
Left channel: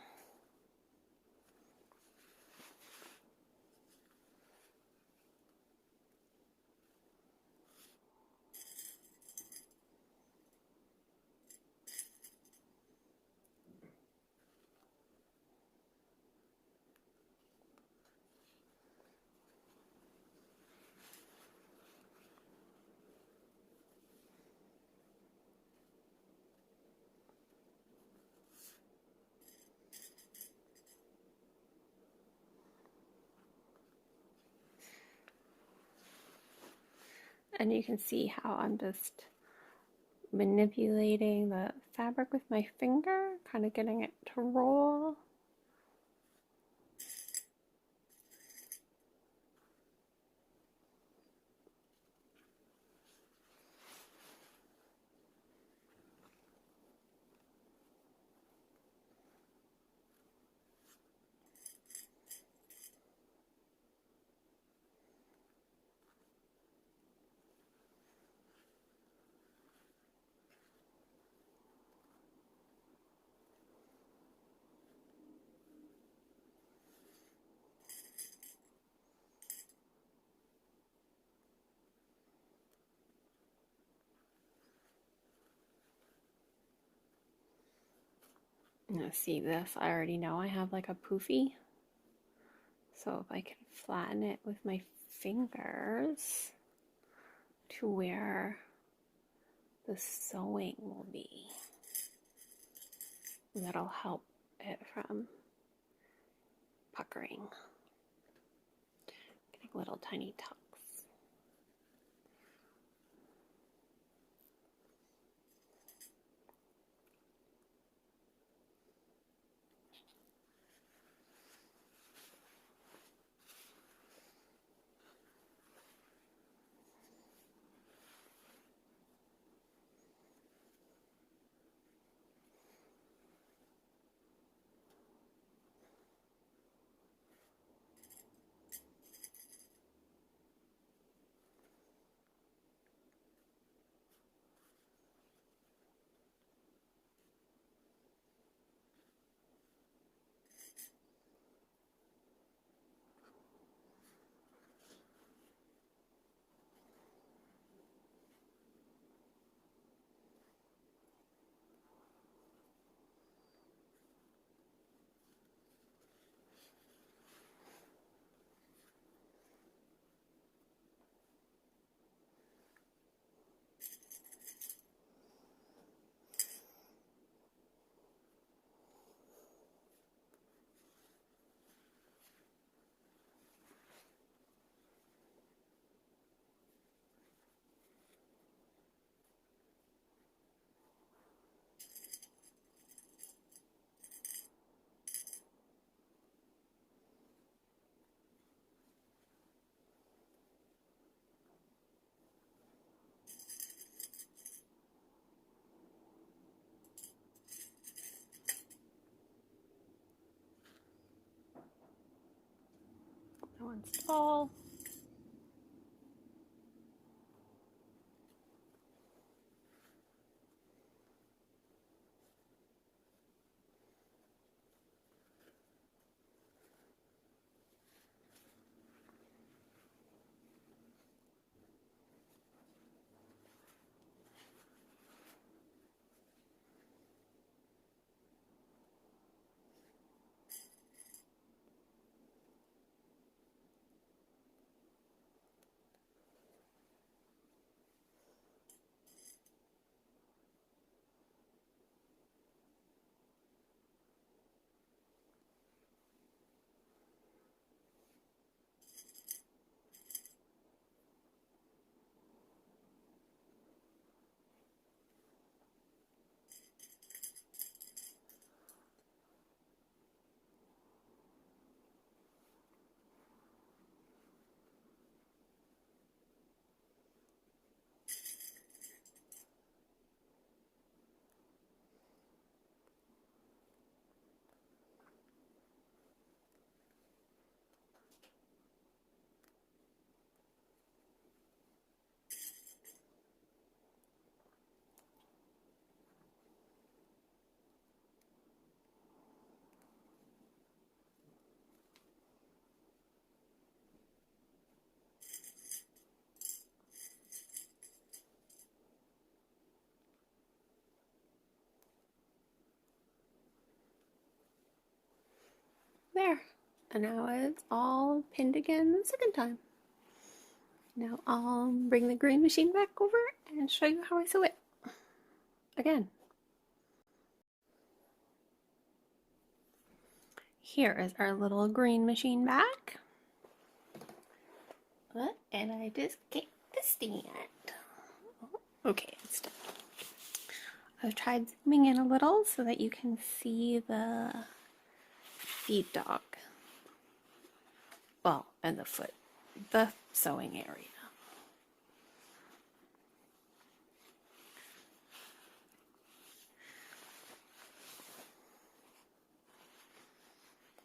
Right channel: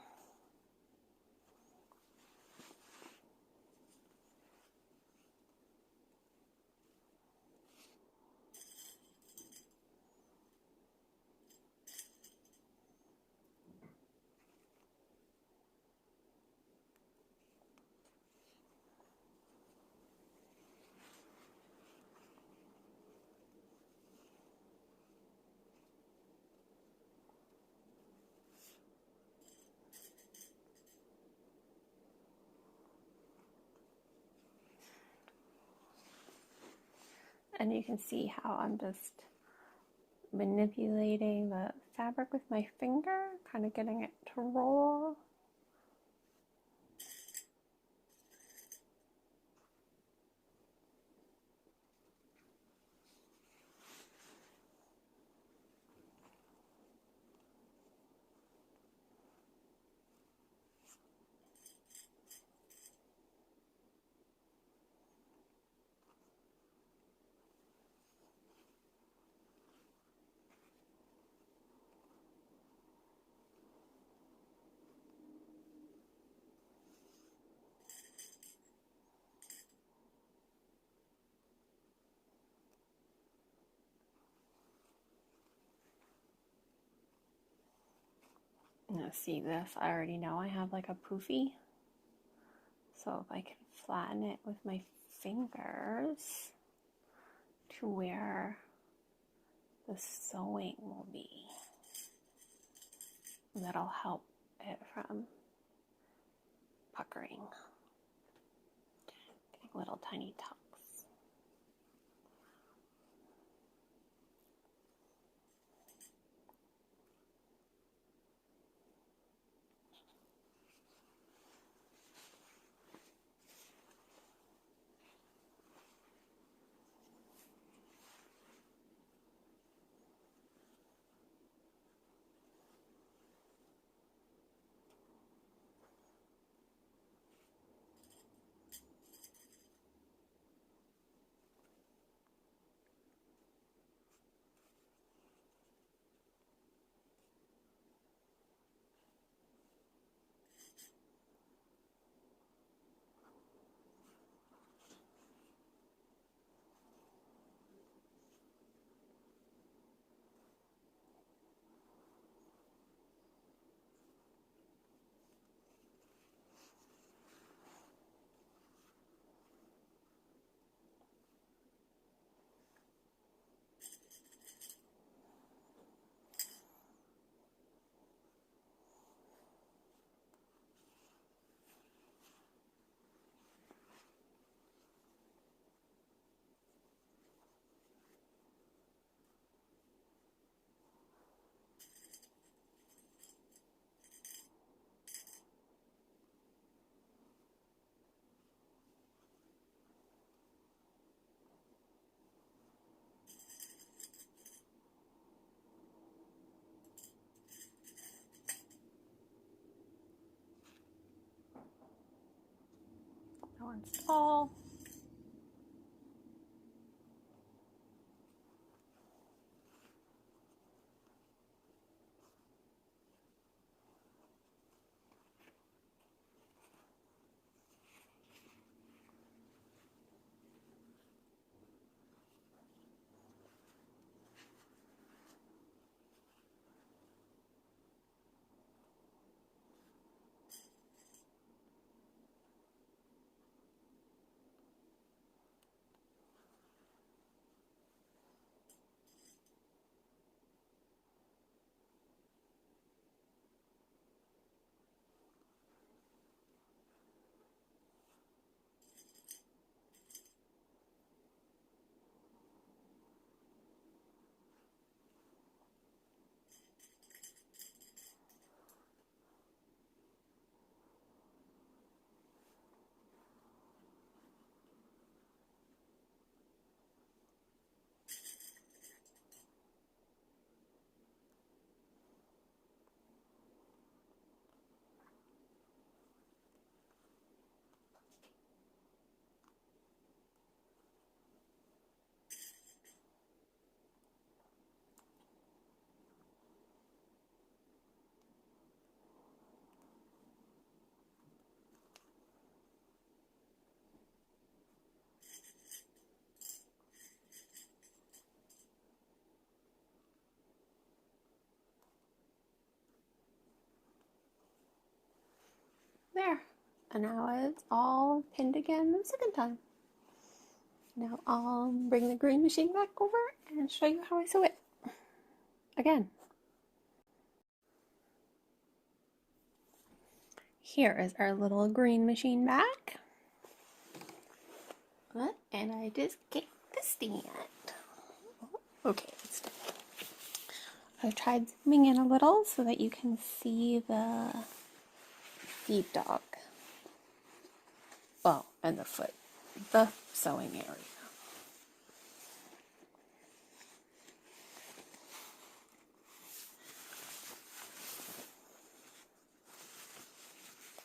And you can see how I'm just manipulating the fabric with my finger, kind of getting it to roll. Now see this, I already know I have like a poofy. So if I can flatten it with my fingers to where the sewing will be, that'll help it from puckering, getting little tiny tucks. That one's tall. There. And now it's all pinned again the second time. Now I'll bring the green machine back over and show you how I sew it again. Here is our little green machine back. And I just kicked the stand. Okay, it's done. I've tried zooming in a little so that you can see the feed dog. Well, and the foot, the sewing area.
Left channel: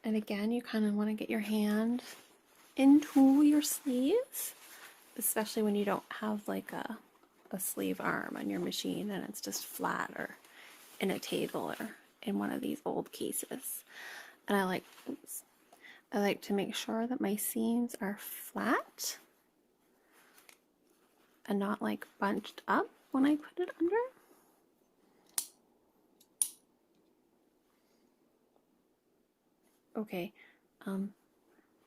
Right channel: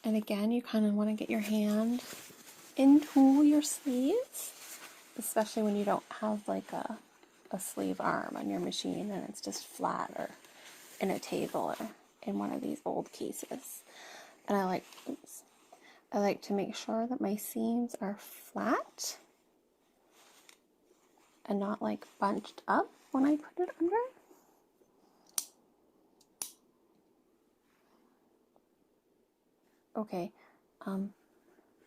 And again, you kind of want to get your hand into your sleeves, especially when you don't have like a sleeve arm on your machine and it's just flat or in a table or in one of these old cases. And I like to make sure that my seams are flat and not like bunched up when I put it under. Okay,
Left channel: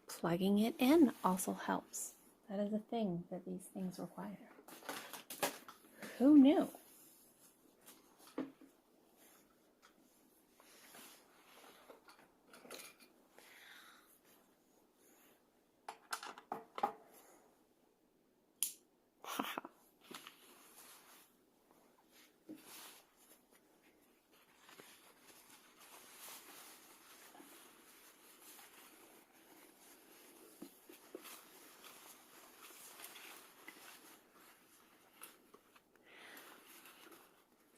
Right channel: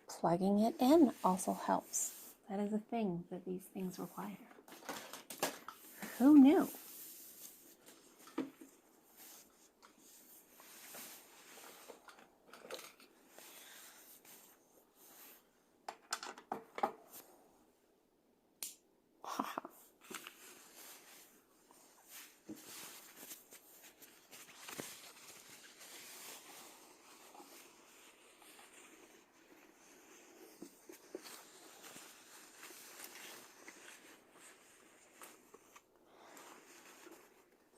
plugging it in also helps. That is a thing that these things require. Who knew?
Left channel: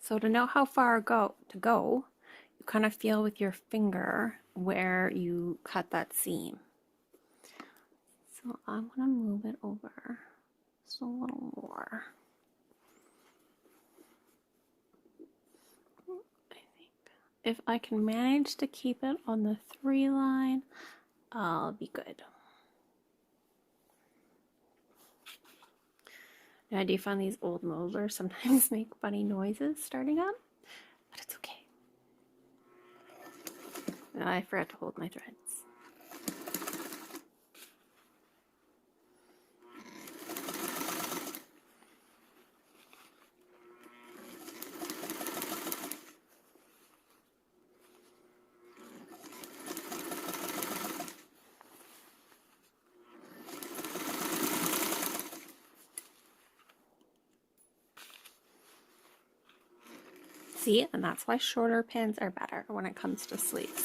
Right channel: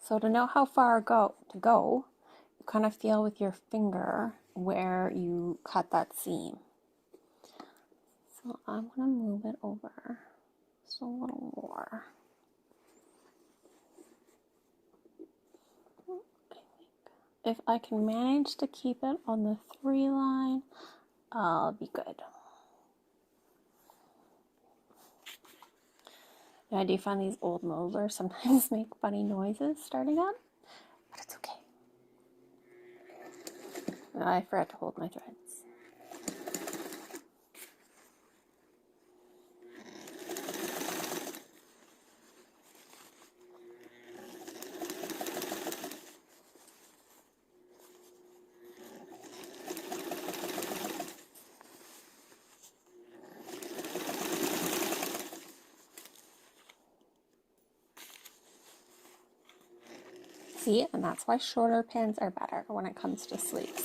So to know how far to go, you kind of feel with your finger where you cut that seam. So I'm going to move it over just a little more. I think if I can manage to keep it on the 3 line, I'll be good. Now, I do find these old molders sometimes make funny noises starting up, but it's okay. Now I forgot to hold my threads. See, and that's why shorter pins are better when it comes to sleeves.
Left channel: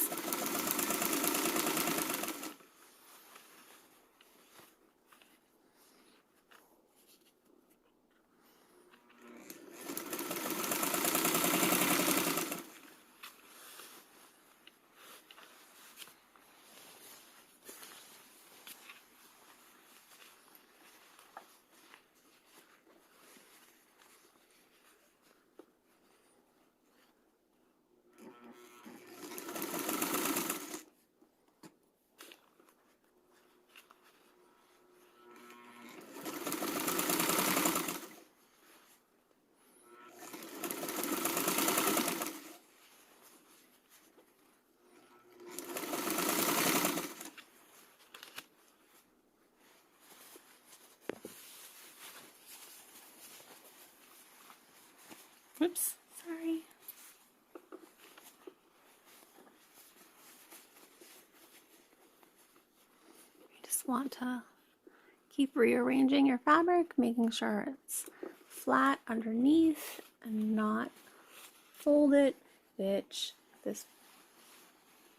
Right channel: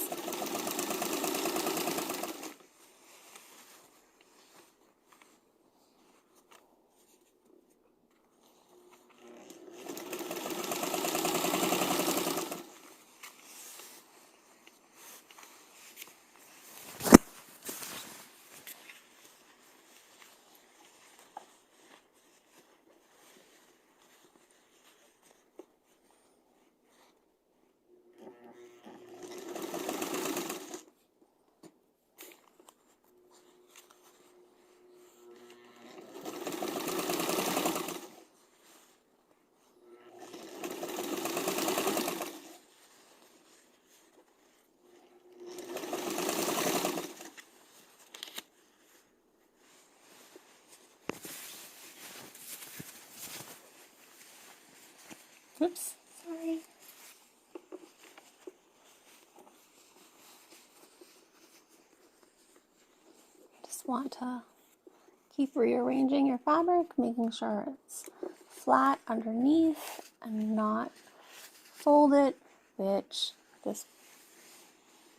Oops, sorry. Just want to keep rearranging your fabric, making sure it's flat underneath and not folded, which this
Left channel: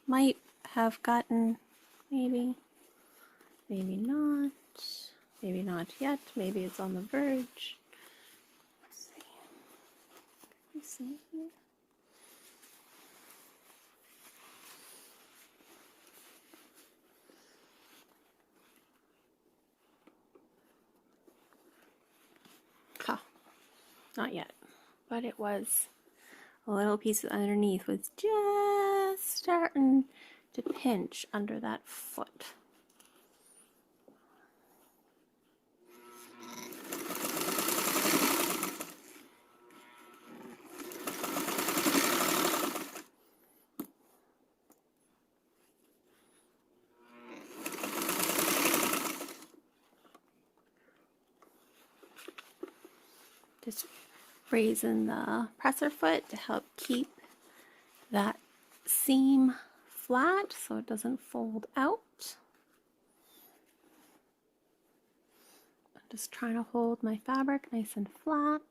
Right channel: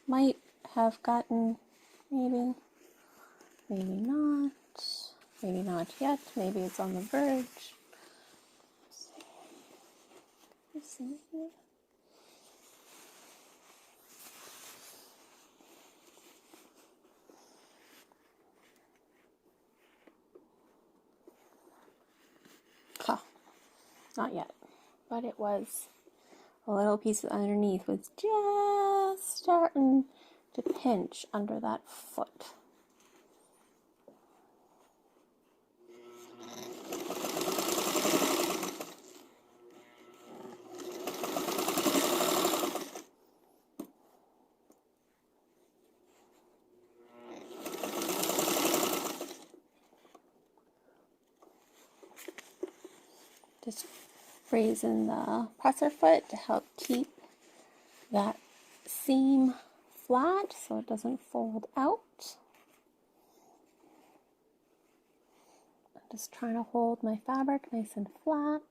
might have gotten, maybe not yet, maybe it's on the verge. Let's see. Can you see here? Oh, not yet, but it was a little piece underneath was just starting to pinch under that foot. Just raising the presser foot to help keep that seam flat so it doesn't fold out. I'm just trying to hold my fabric nice and flat.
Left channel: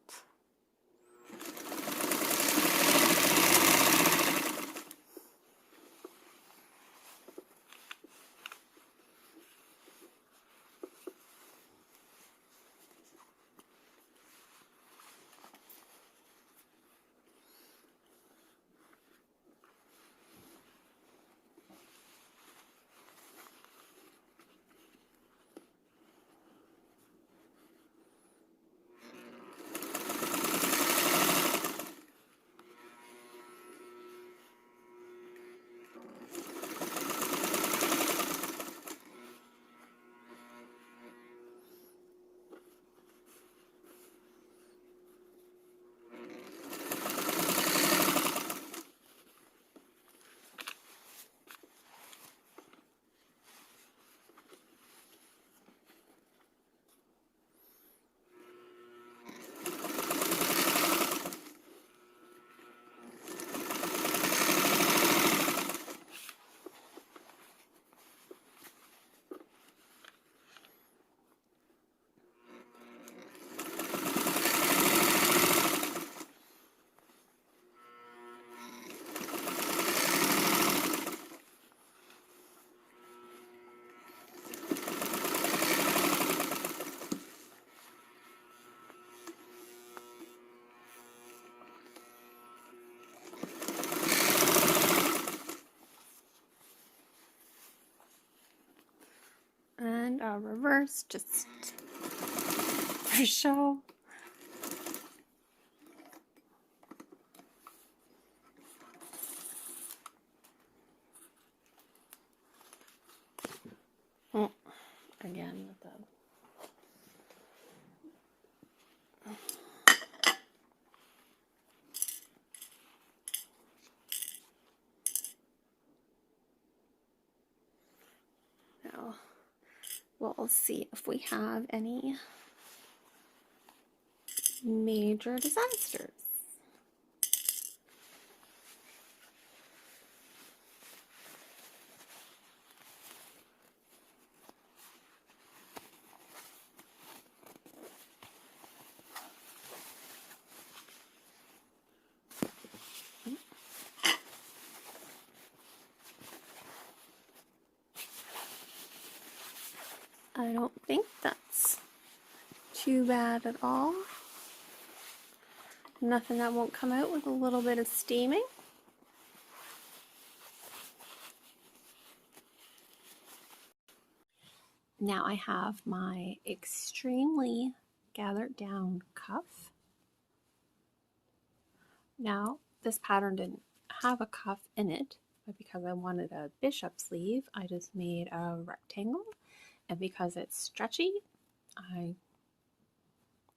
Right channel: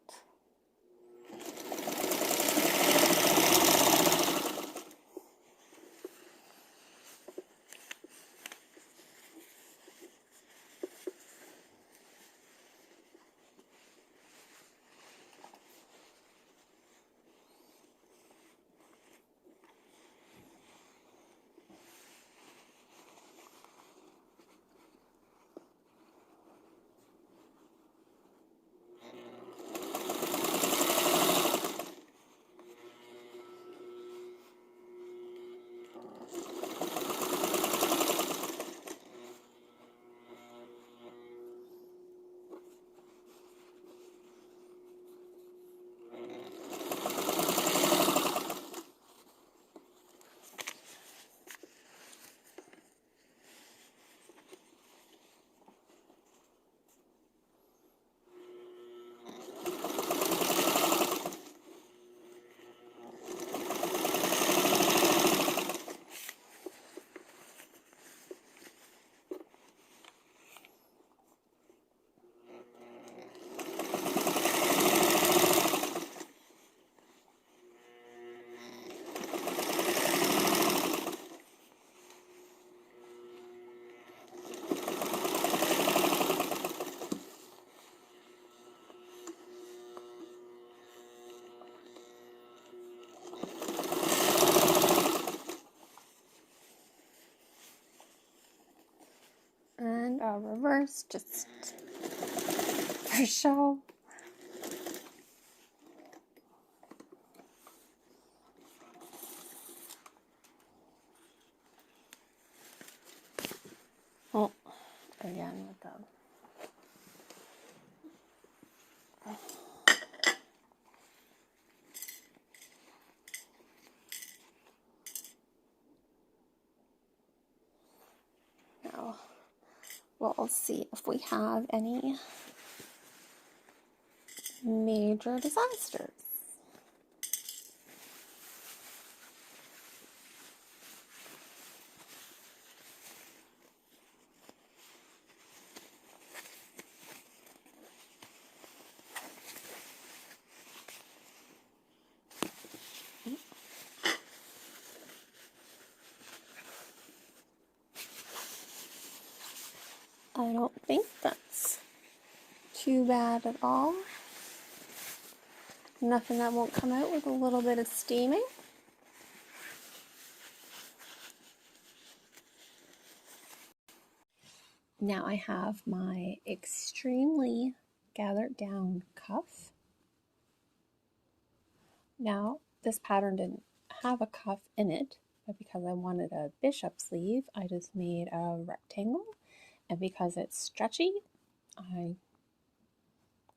And a reverse just to show. Oh, again with the now we'll see if we have any major disasters. I don't think that's too bad at all. Nothing that won't come out with a little bit of steaming. Now I have my extremely gathered down cuff. Now this pattern didn't have a cuff in it, but because I wanted a bishop sleeve, I just made a rectangle. And because it's stretchy, I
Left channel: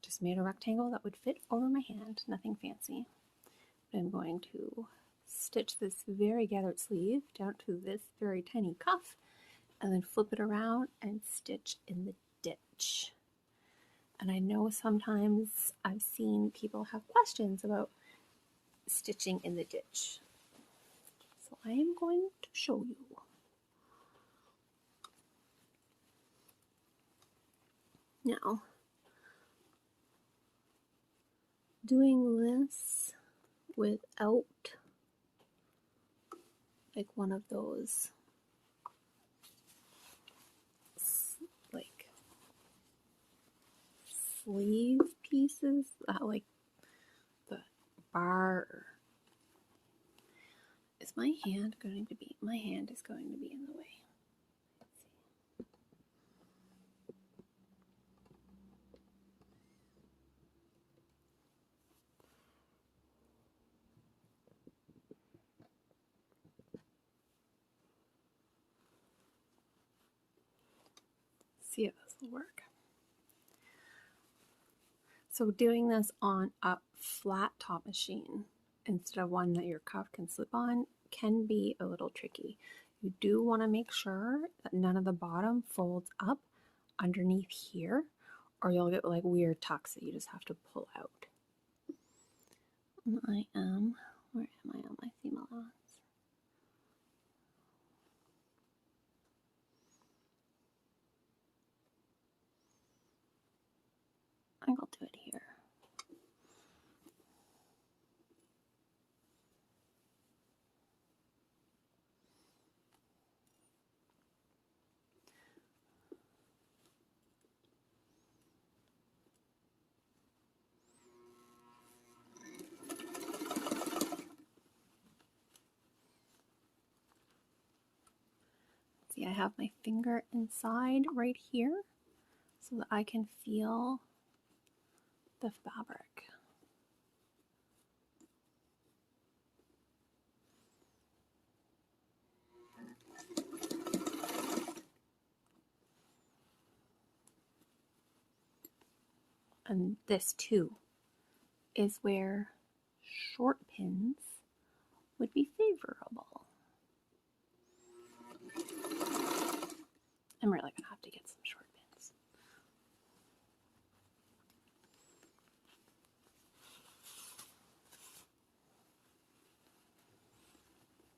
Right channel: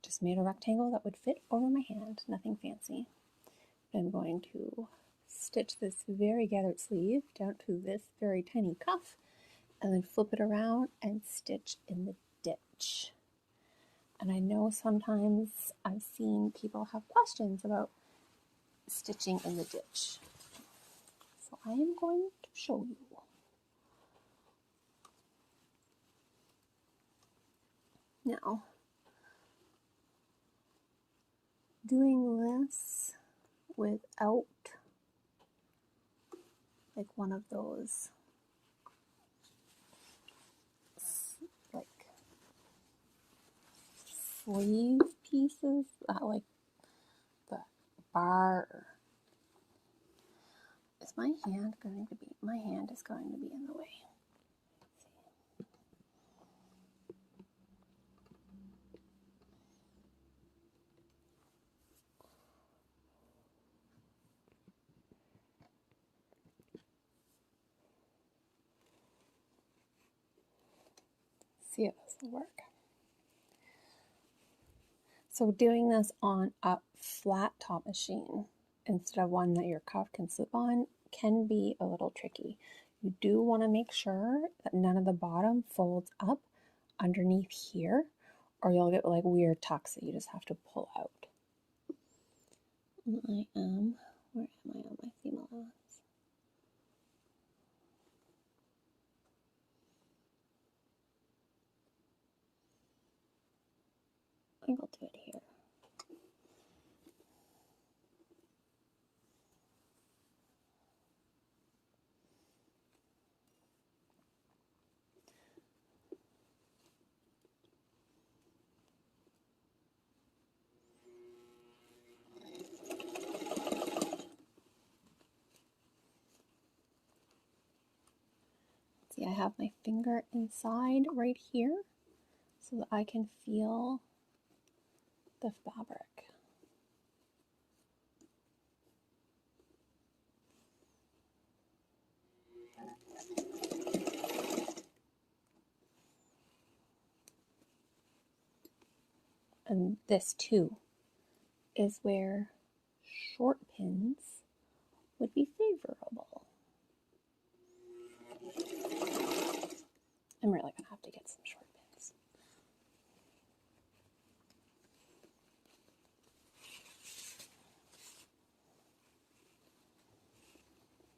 just made a rectangle that would fit over my hand, nothing fancy. I'm going to stitch this very gathered sleeve down to this very tiny cuff and then flip it around and stitch in the ditch. And I know sometimes I've seen people have questions about stitching in the ditch. So I am going to show you. Now, doing this without like one of those like sleeve pieces, like the bar. Is my hand going to be? My hand is going to be in the way. See if this will work. So doing this on a flat top machine instead of one that your cuff can slip on can be a little tricky. You do want to make sure that none of the bottom folds up underneath here, or you'll get like weird tucks that you just have to pull out. And where am I on my seam allowance? I think I'll do it here. See, I have my finger inside right here so that I can feel the fabric. And this too is where short pins would be favorable. I'm really gonna have to get some short pins.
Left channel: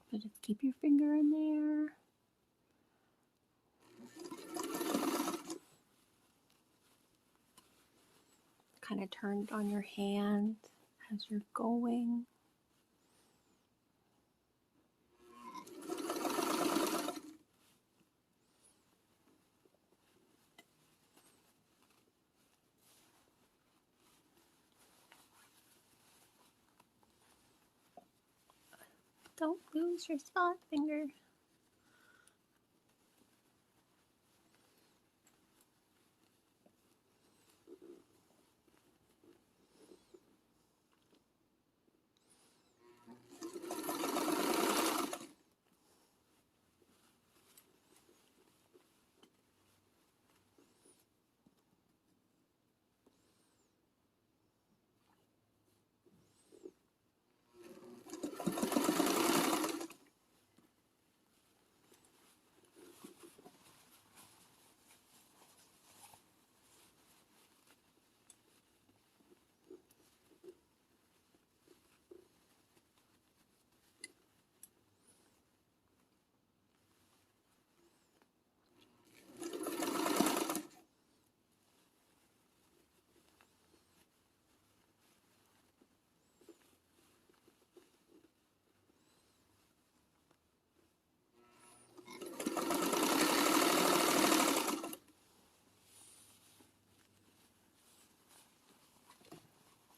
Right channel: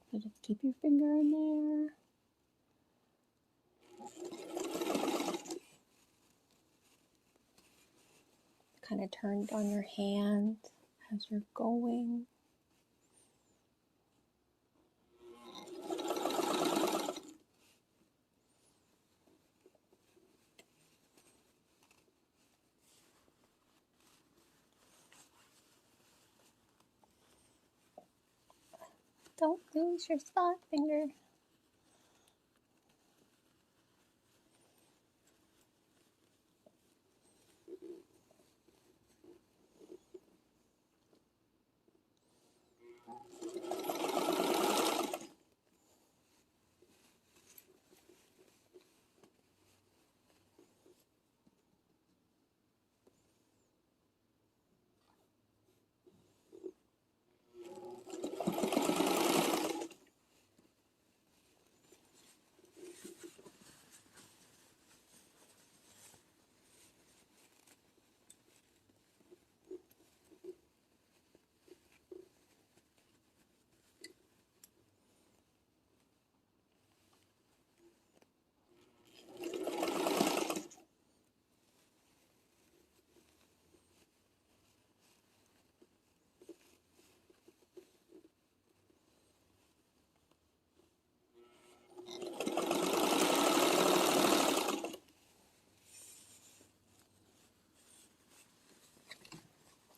So just keep your finger in there. Kind of turn it on your hand as you're going. Don't lose your spot finger.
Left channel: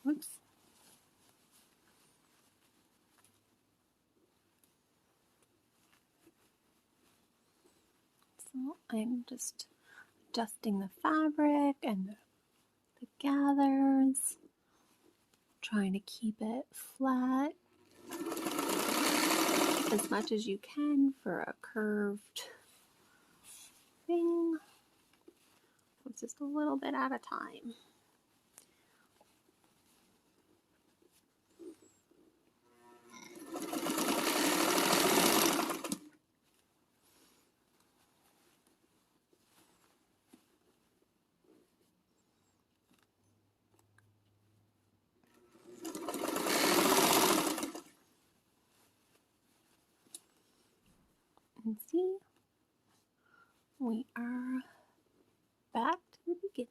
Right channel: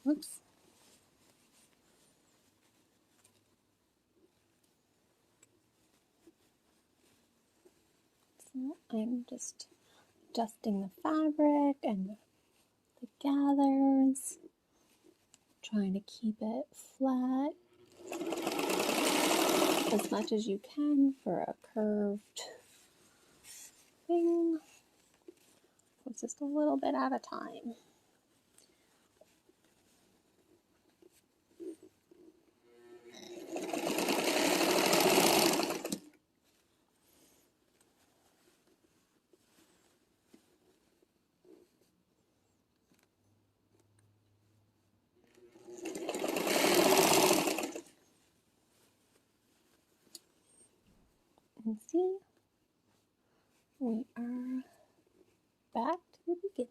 Oops. So I'm just adjusting the fabric and the gathers, trying to keep it flat as much as you can for a curved thing. It's just a little bit at a time. can see, we are back to the beginning.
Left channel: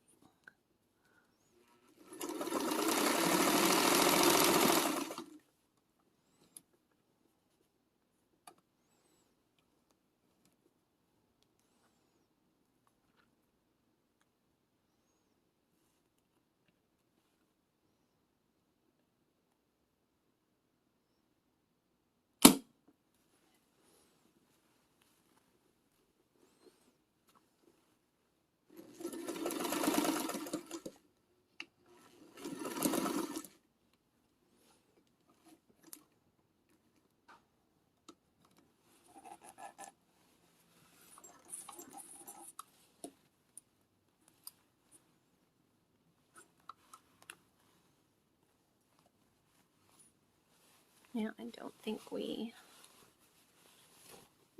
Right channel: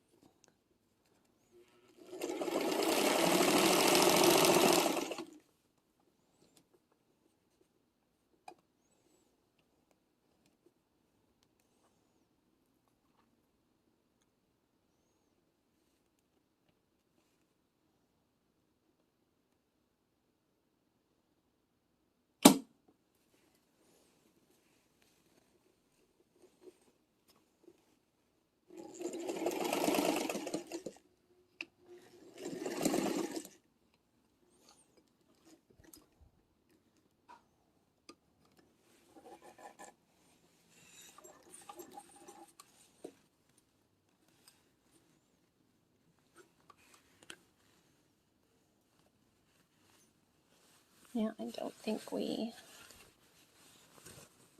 Yeah, I don't think we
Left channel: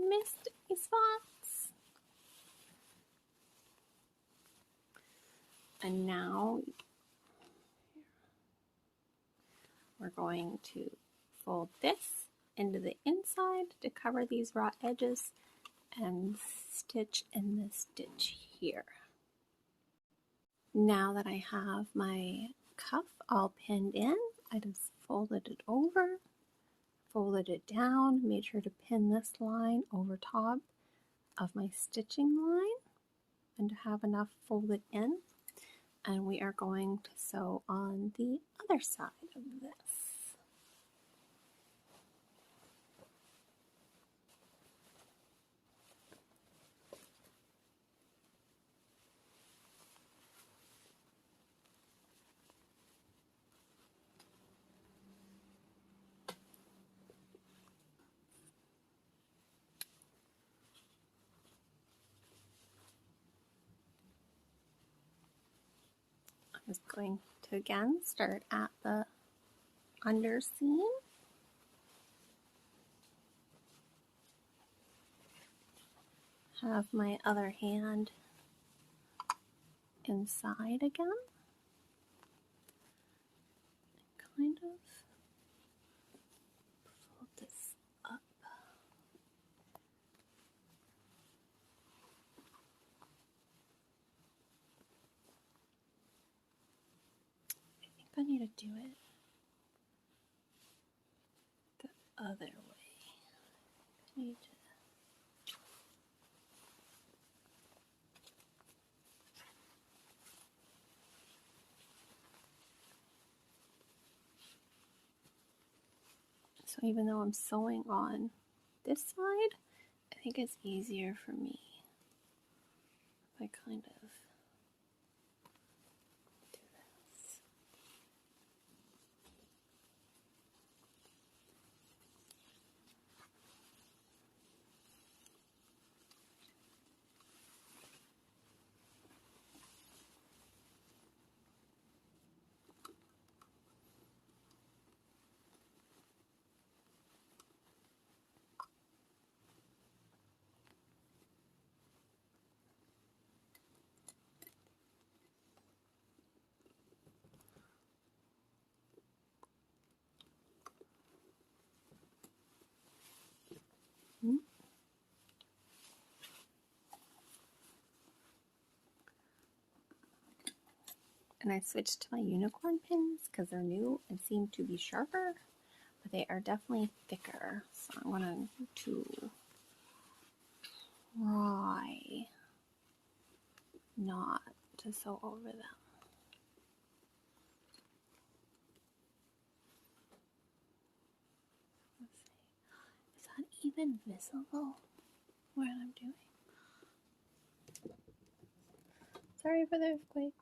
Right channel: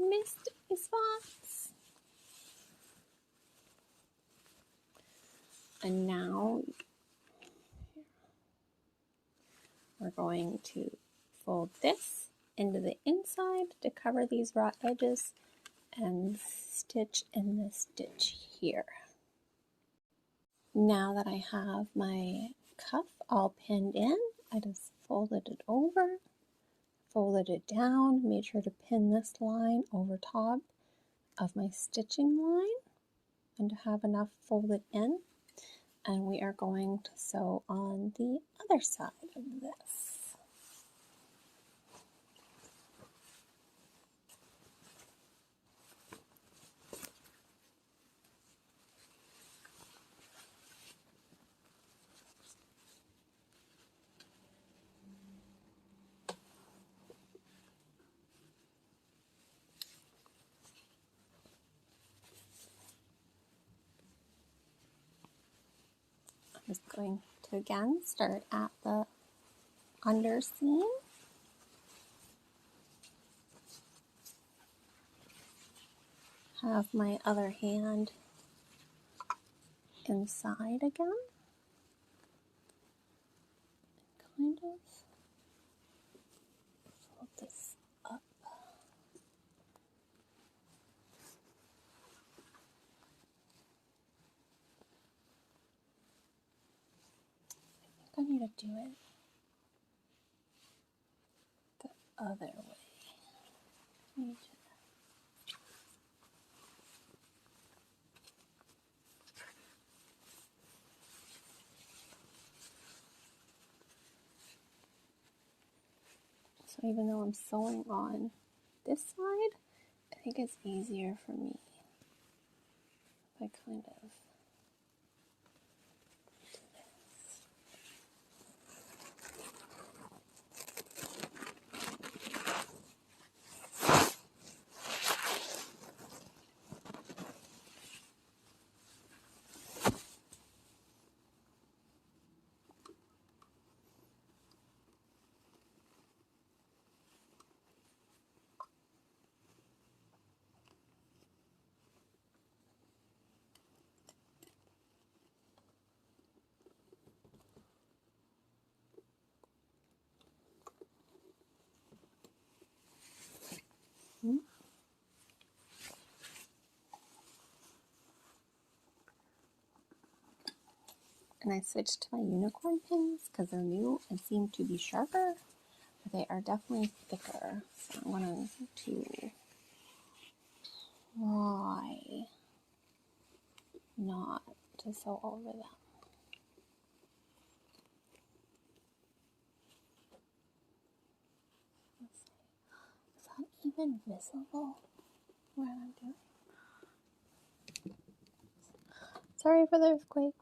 missed any spots. And now we're going to fold this into the inside to cover these raw edges and stitch in this stitch here. Now that I have my cuff all pinned in, I just folded it over, folded it down, made sure to pin this line over top of my stitching line and to have enough folded in. And we are going to sew on the other side of this. I'm just going to again start at the underseam. Have my other hand inside again. Kind of fold this up. I think I need to do it the other way. So even though I'm sewing on this side, I think it's easier for me if I kind of do this. And I switched to my unicorn pins because they're new and seem to be sharper, but they are definitely thicker. So I'm going to try not to sew over them. Let's see. Is that even visible what I'm doing? Sorry for the earthquake.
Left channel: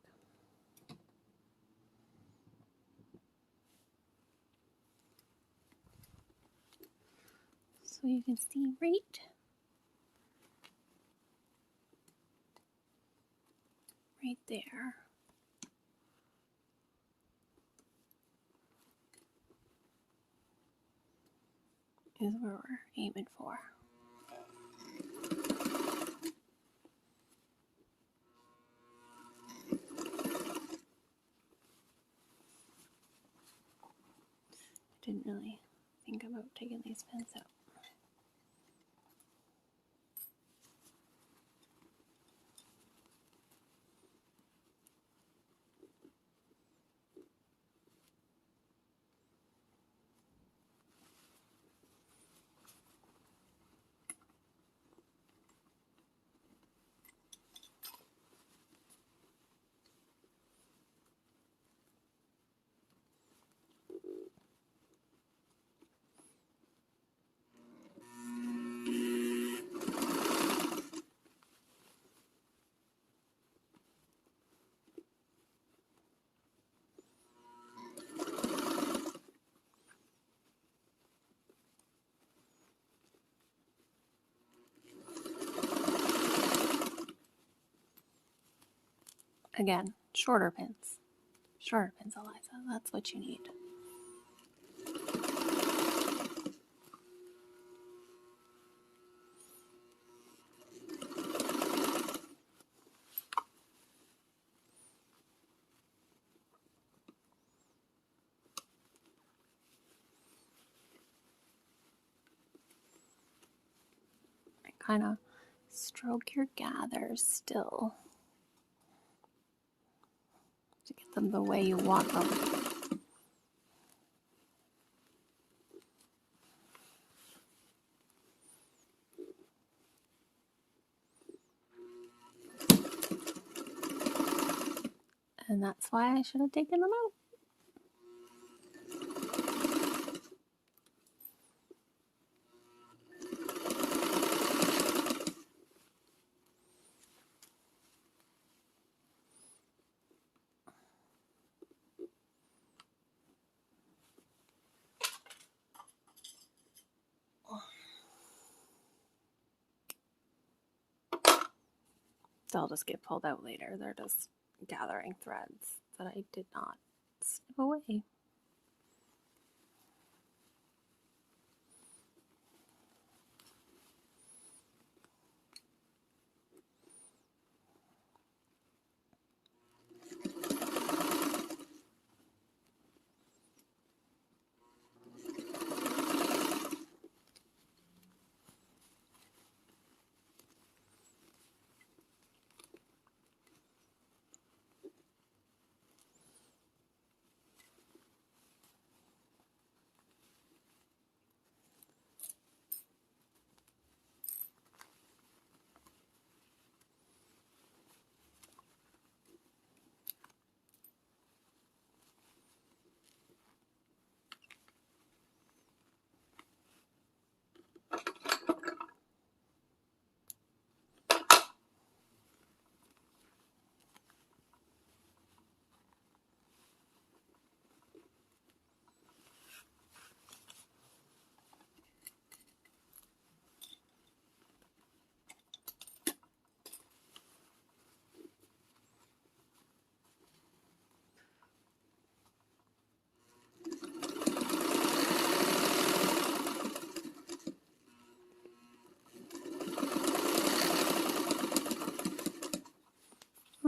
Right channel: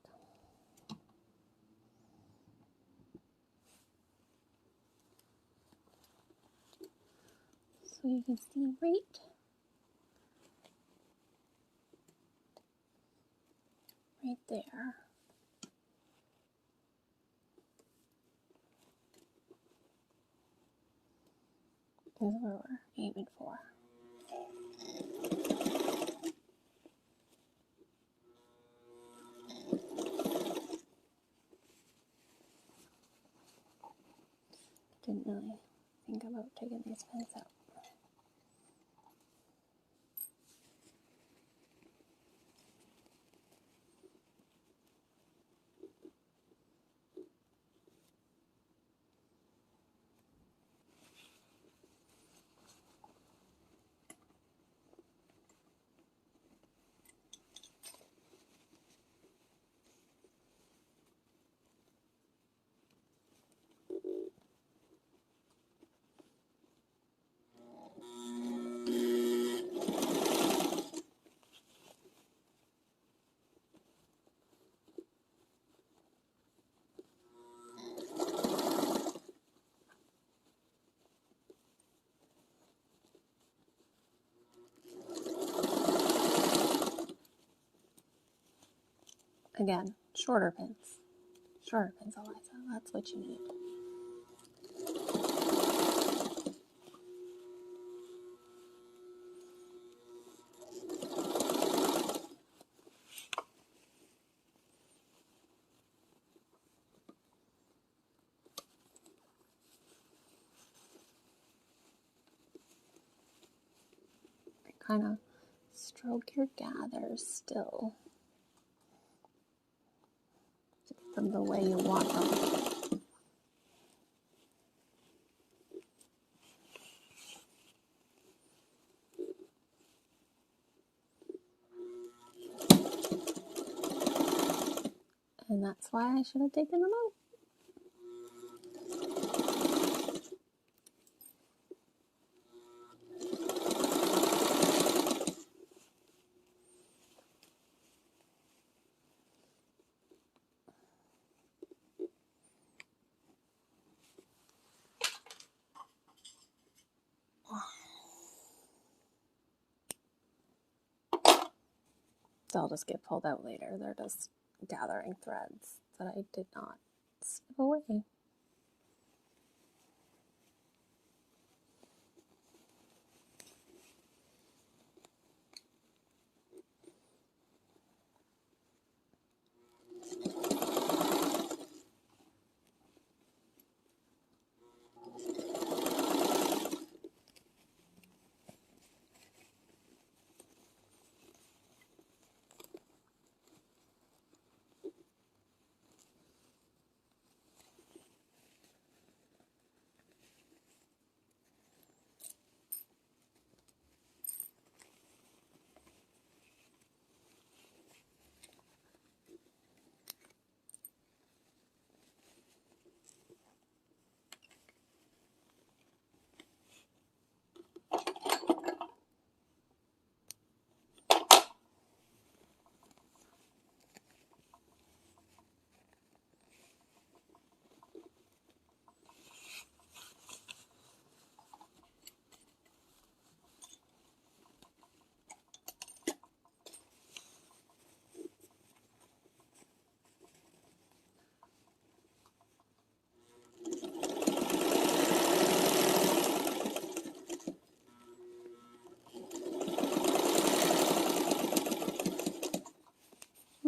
So you can see right there is where we're aiming for. Didn't really think about taking these pins out. Again, shorter pins. Shorter pins, Eliza. That's what you need. Kind of stroke your gathers still to get them the way you want them. And that's why I should have taken them out. They'll just get pulled out later. They're just gathering threads that I did not snip away.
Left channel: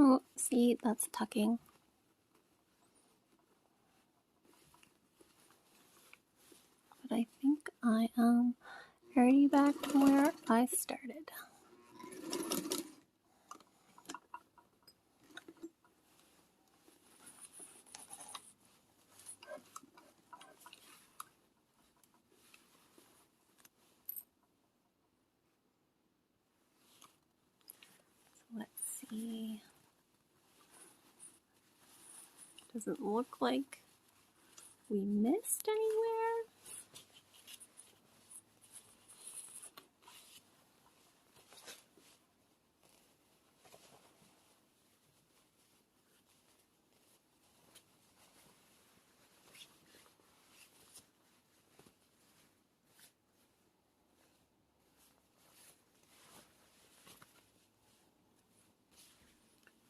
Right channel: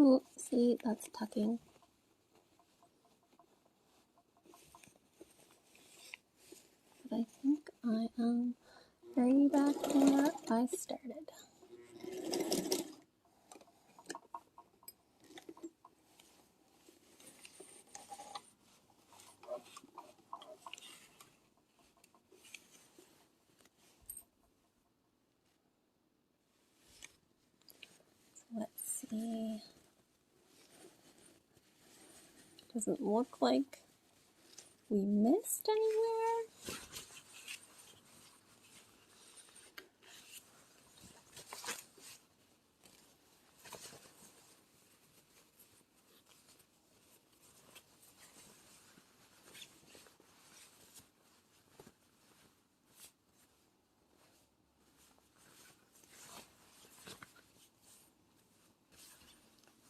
Oh, see, that's tucking. But I think I am already back to where I started. So let's see. Doesn't look like we missed anywhere.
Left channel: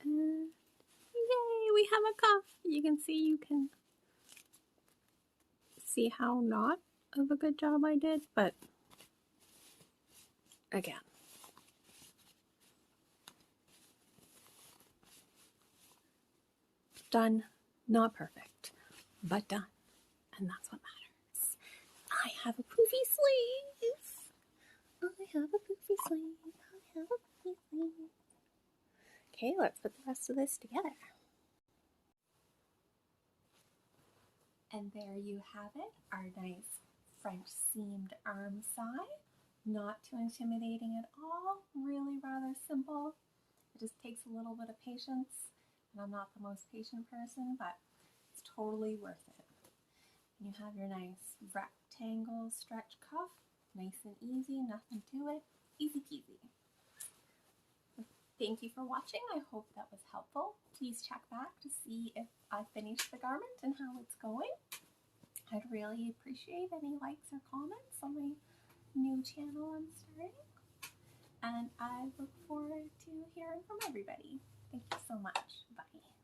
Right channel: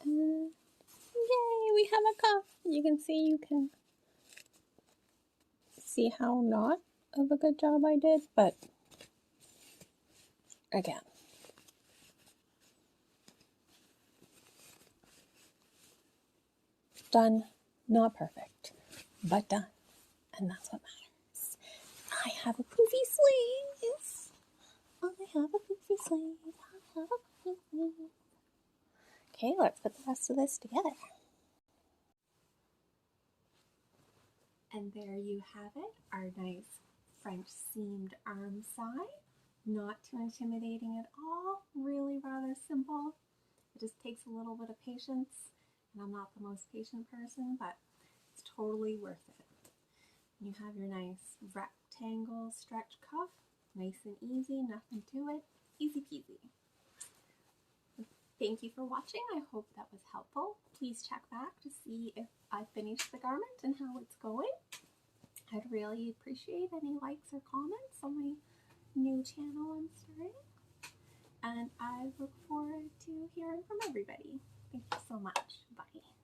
Yay, we have a cuff. You can see how not of a good job I did, but again. Done, not perfect, but done. And that's what matters. I have a poofy sleeve. I have a poofy sleeve. I have a poofy sleeve. Okay, let's put the rest of this together. And there you have it, our nice French seamed arm side. Not too intimidating at all, really rather simple. It just takes a little bit of patience, and I'm not the most patient person, but it's totally worth it. You have your nice rectangle stretch cuff, nice and easy, nothing to it, easy peasy. Thank you for watching. I hope that was helpful. Please check back to see if I finished the garment and how it's going. I'd really appreciate any likes or comments on my new channel I'm starting. and I look forward to hearing from everybody. Thank you so much. Bye.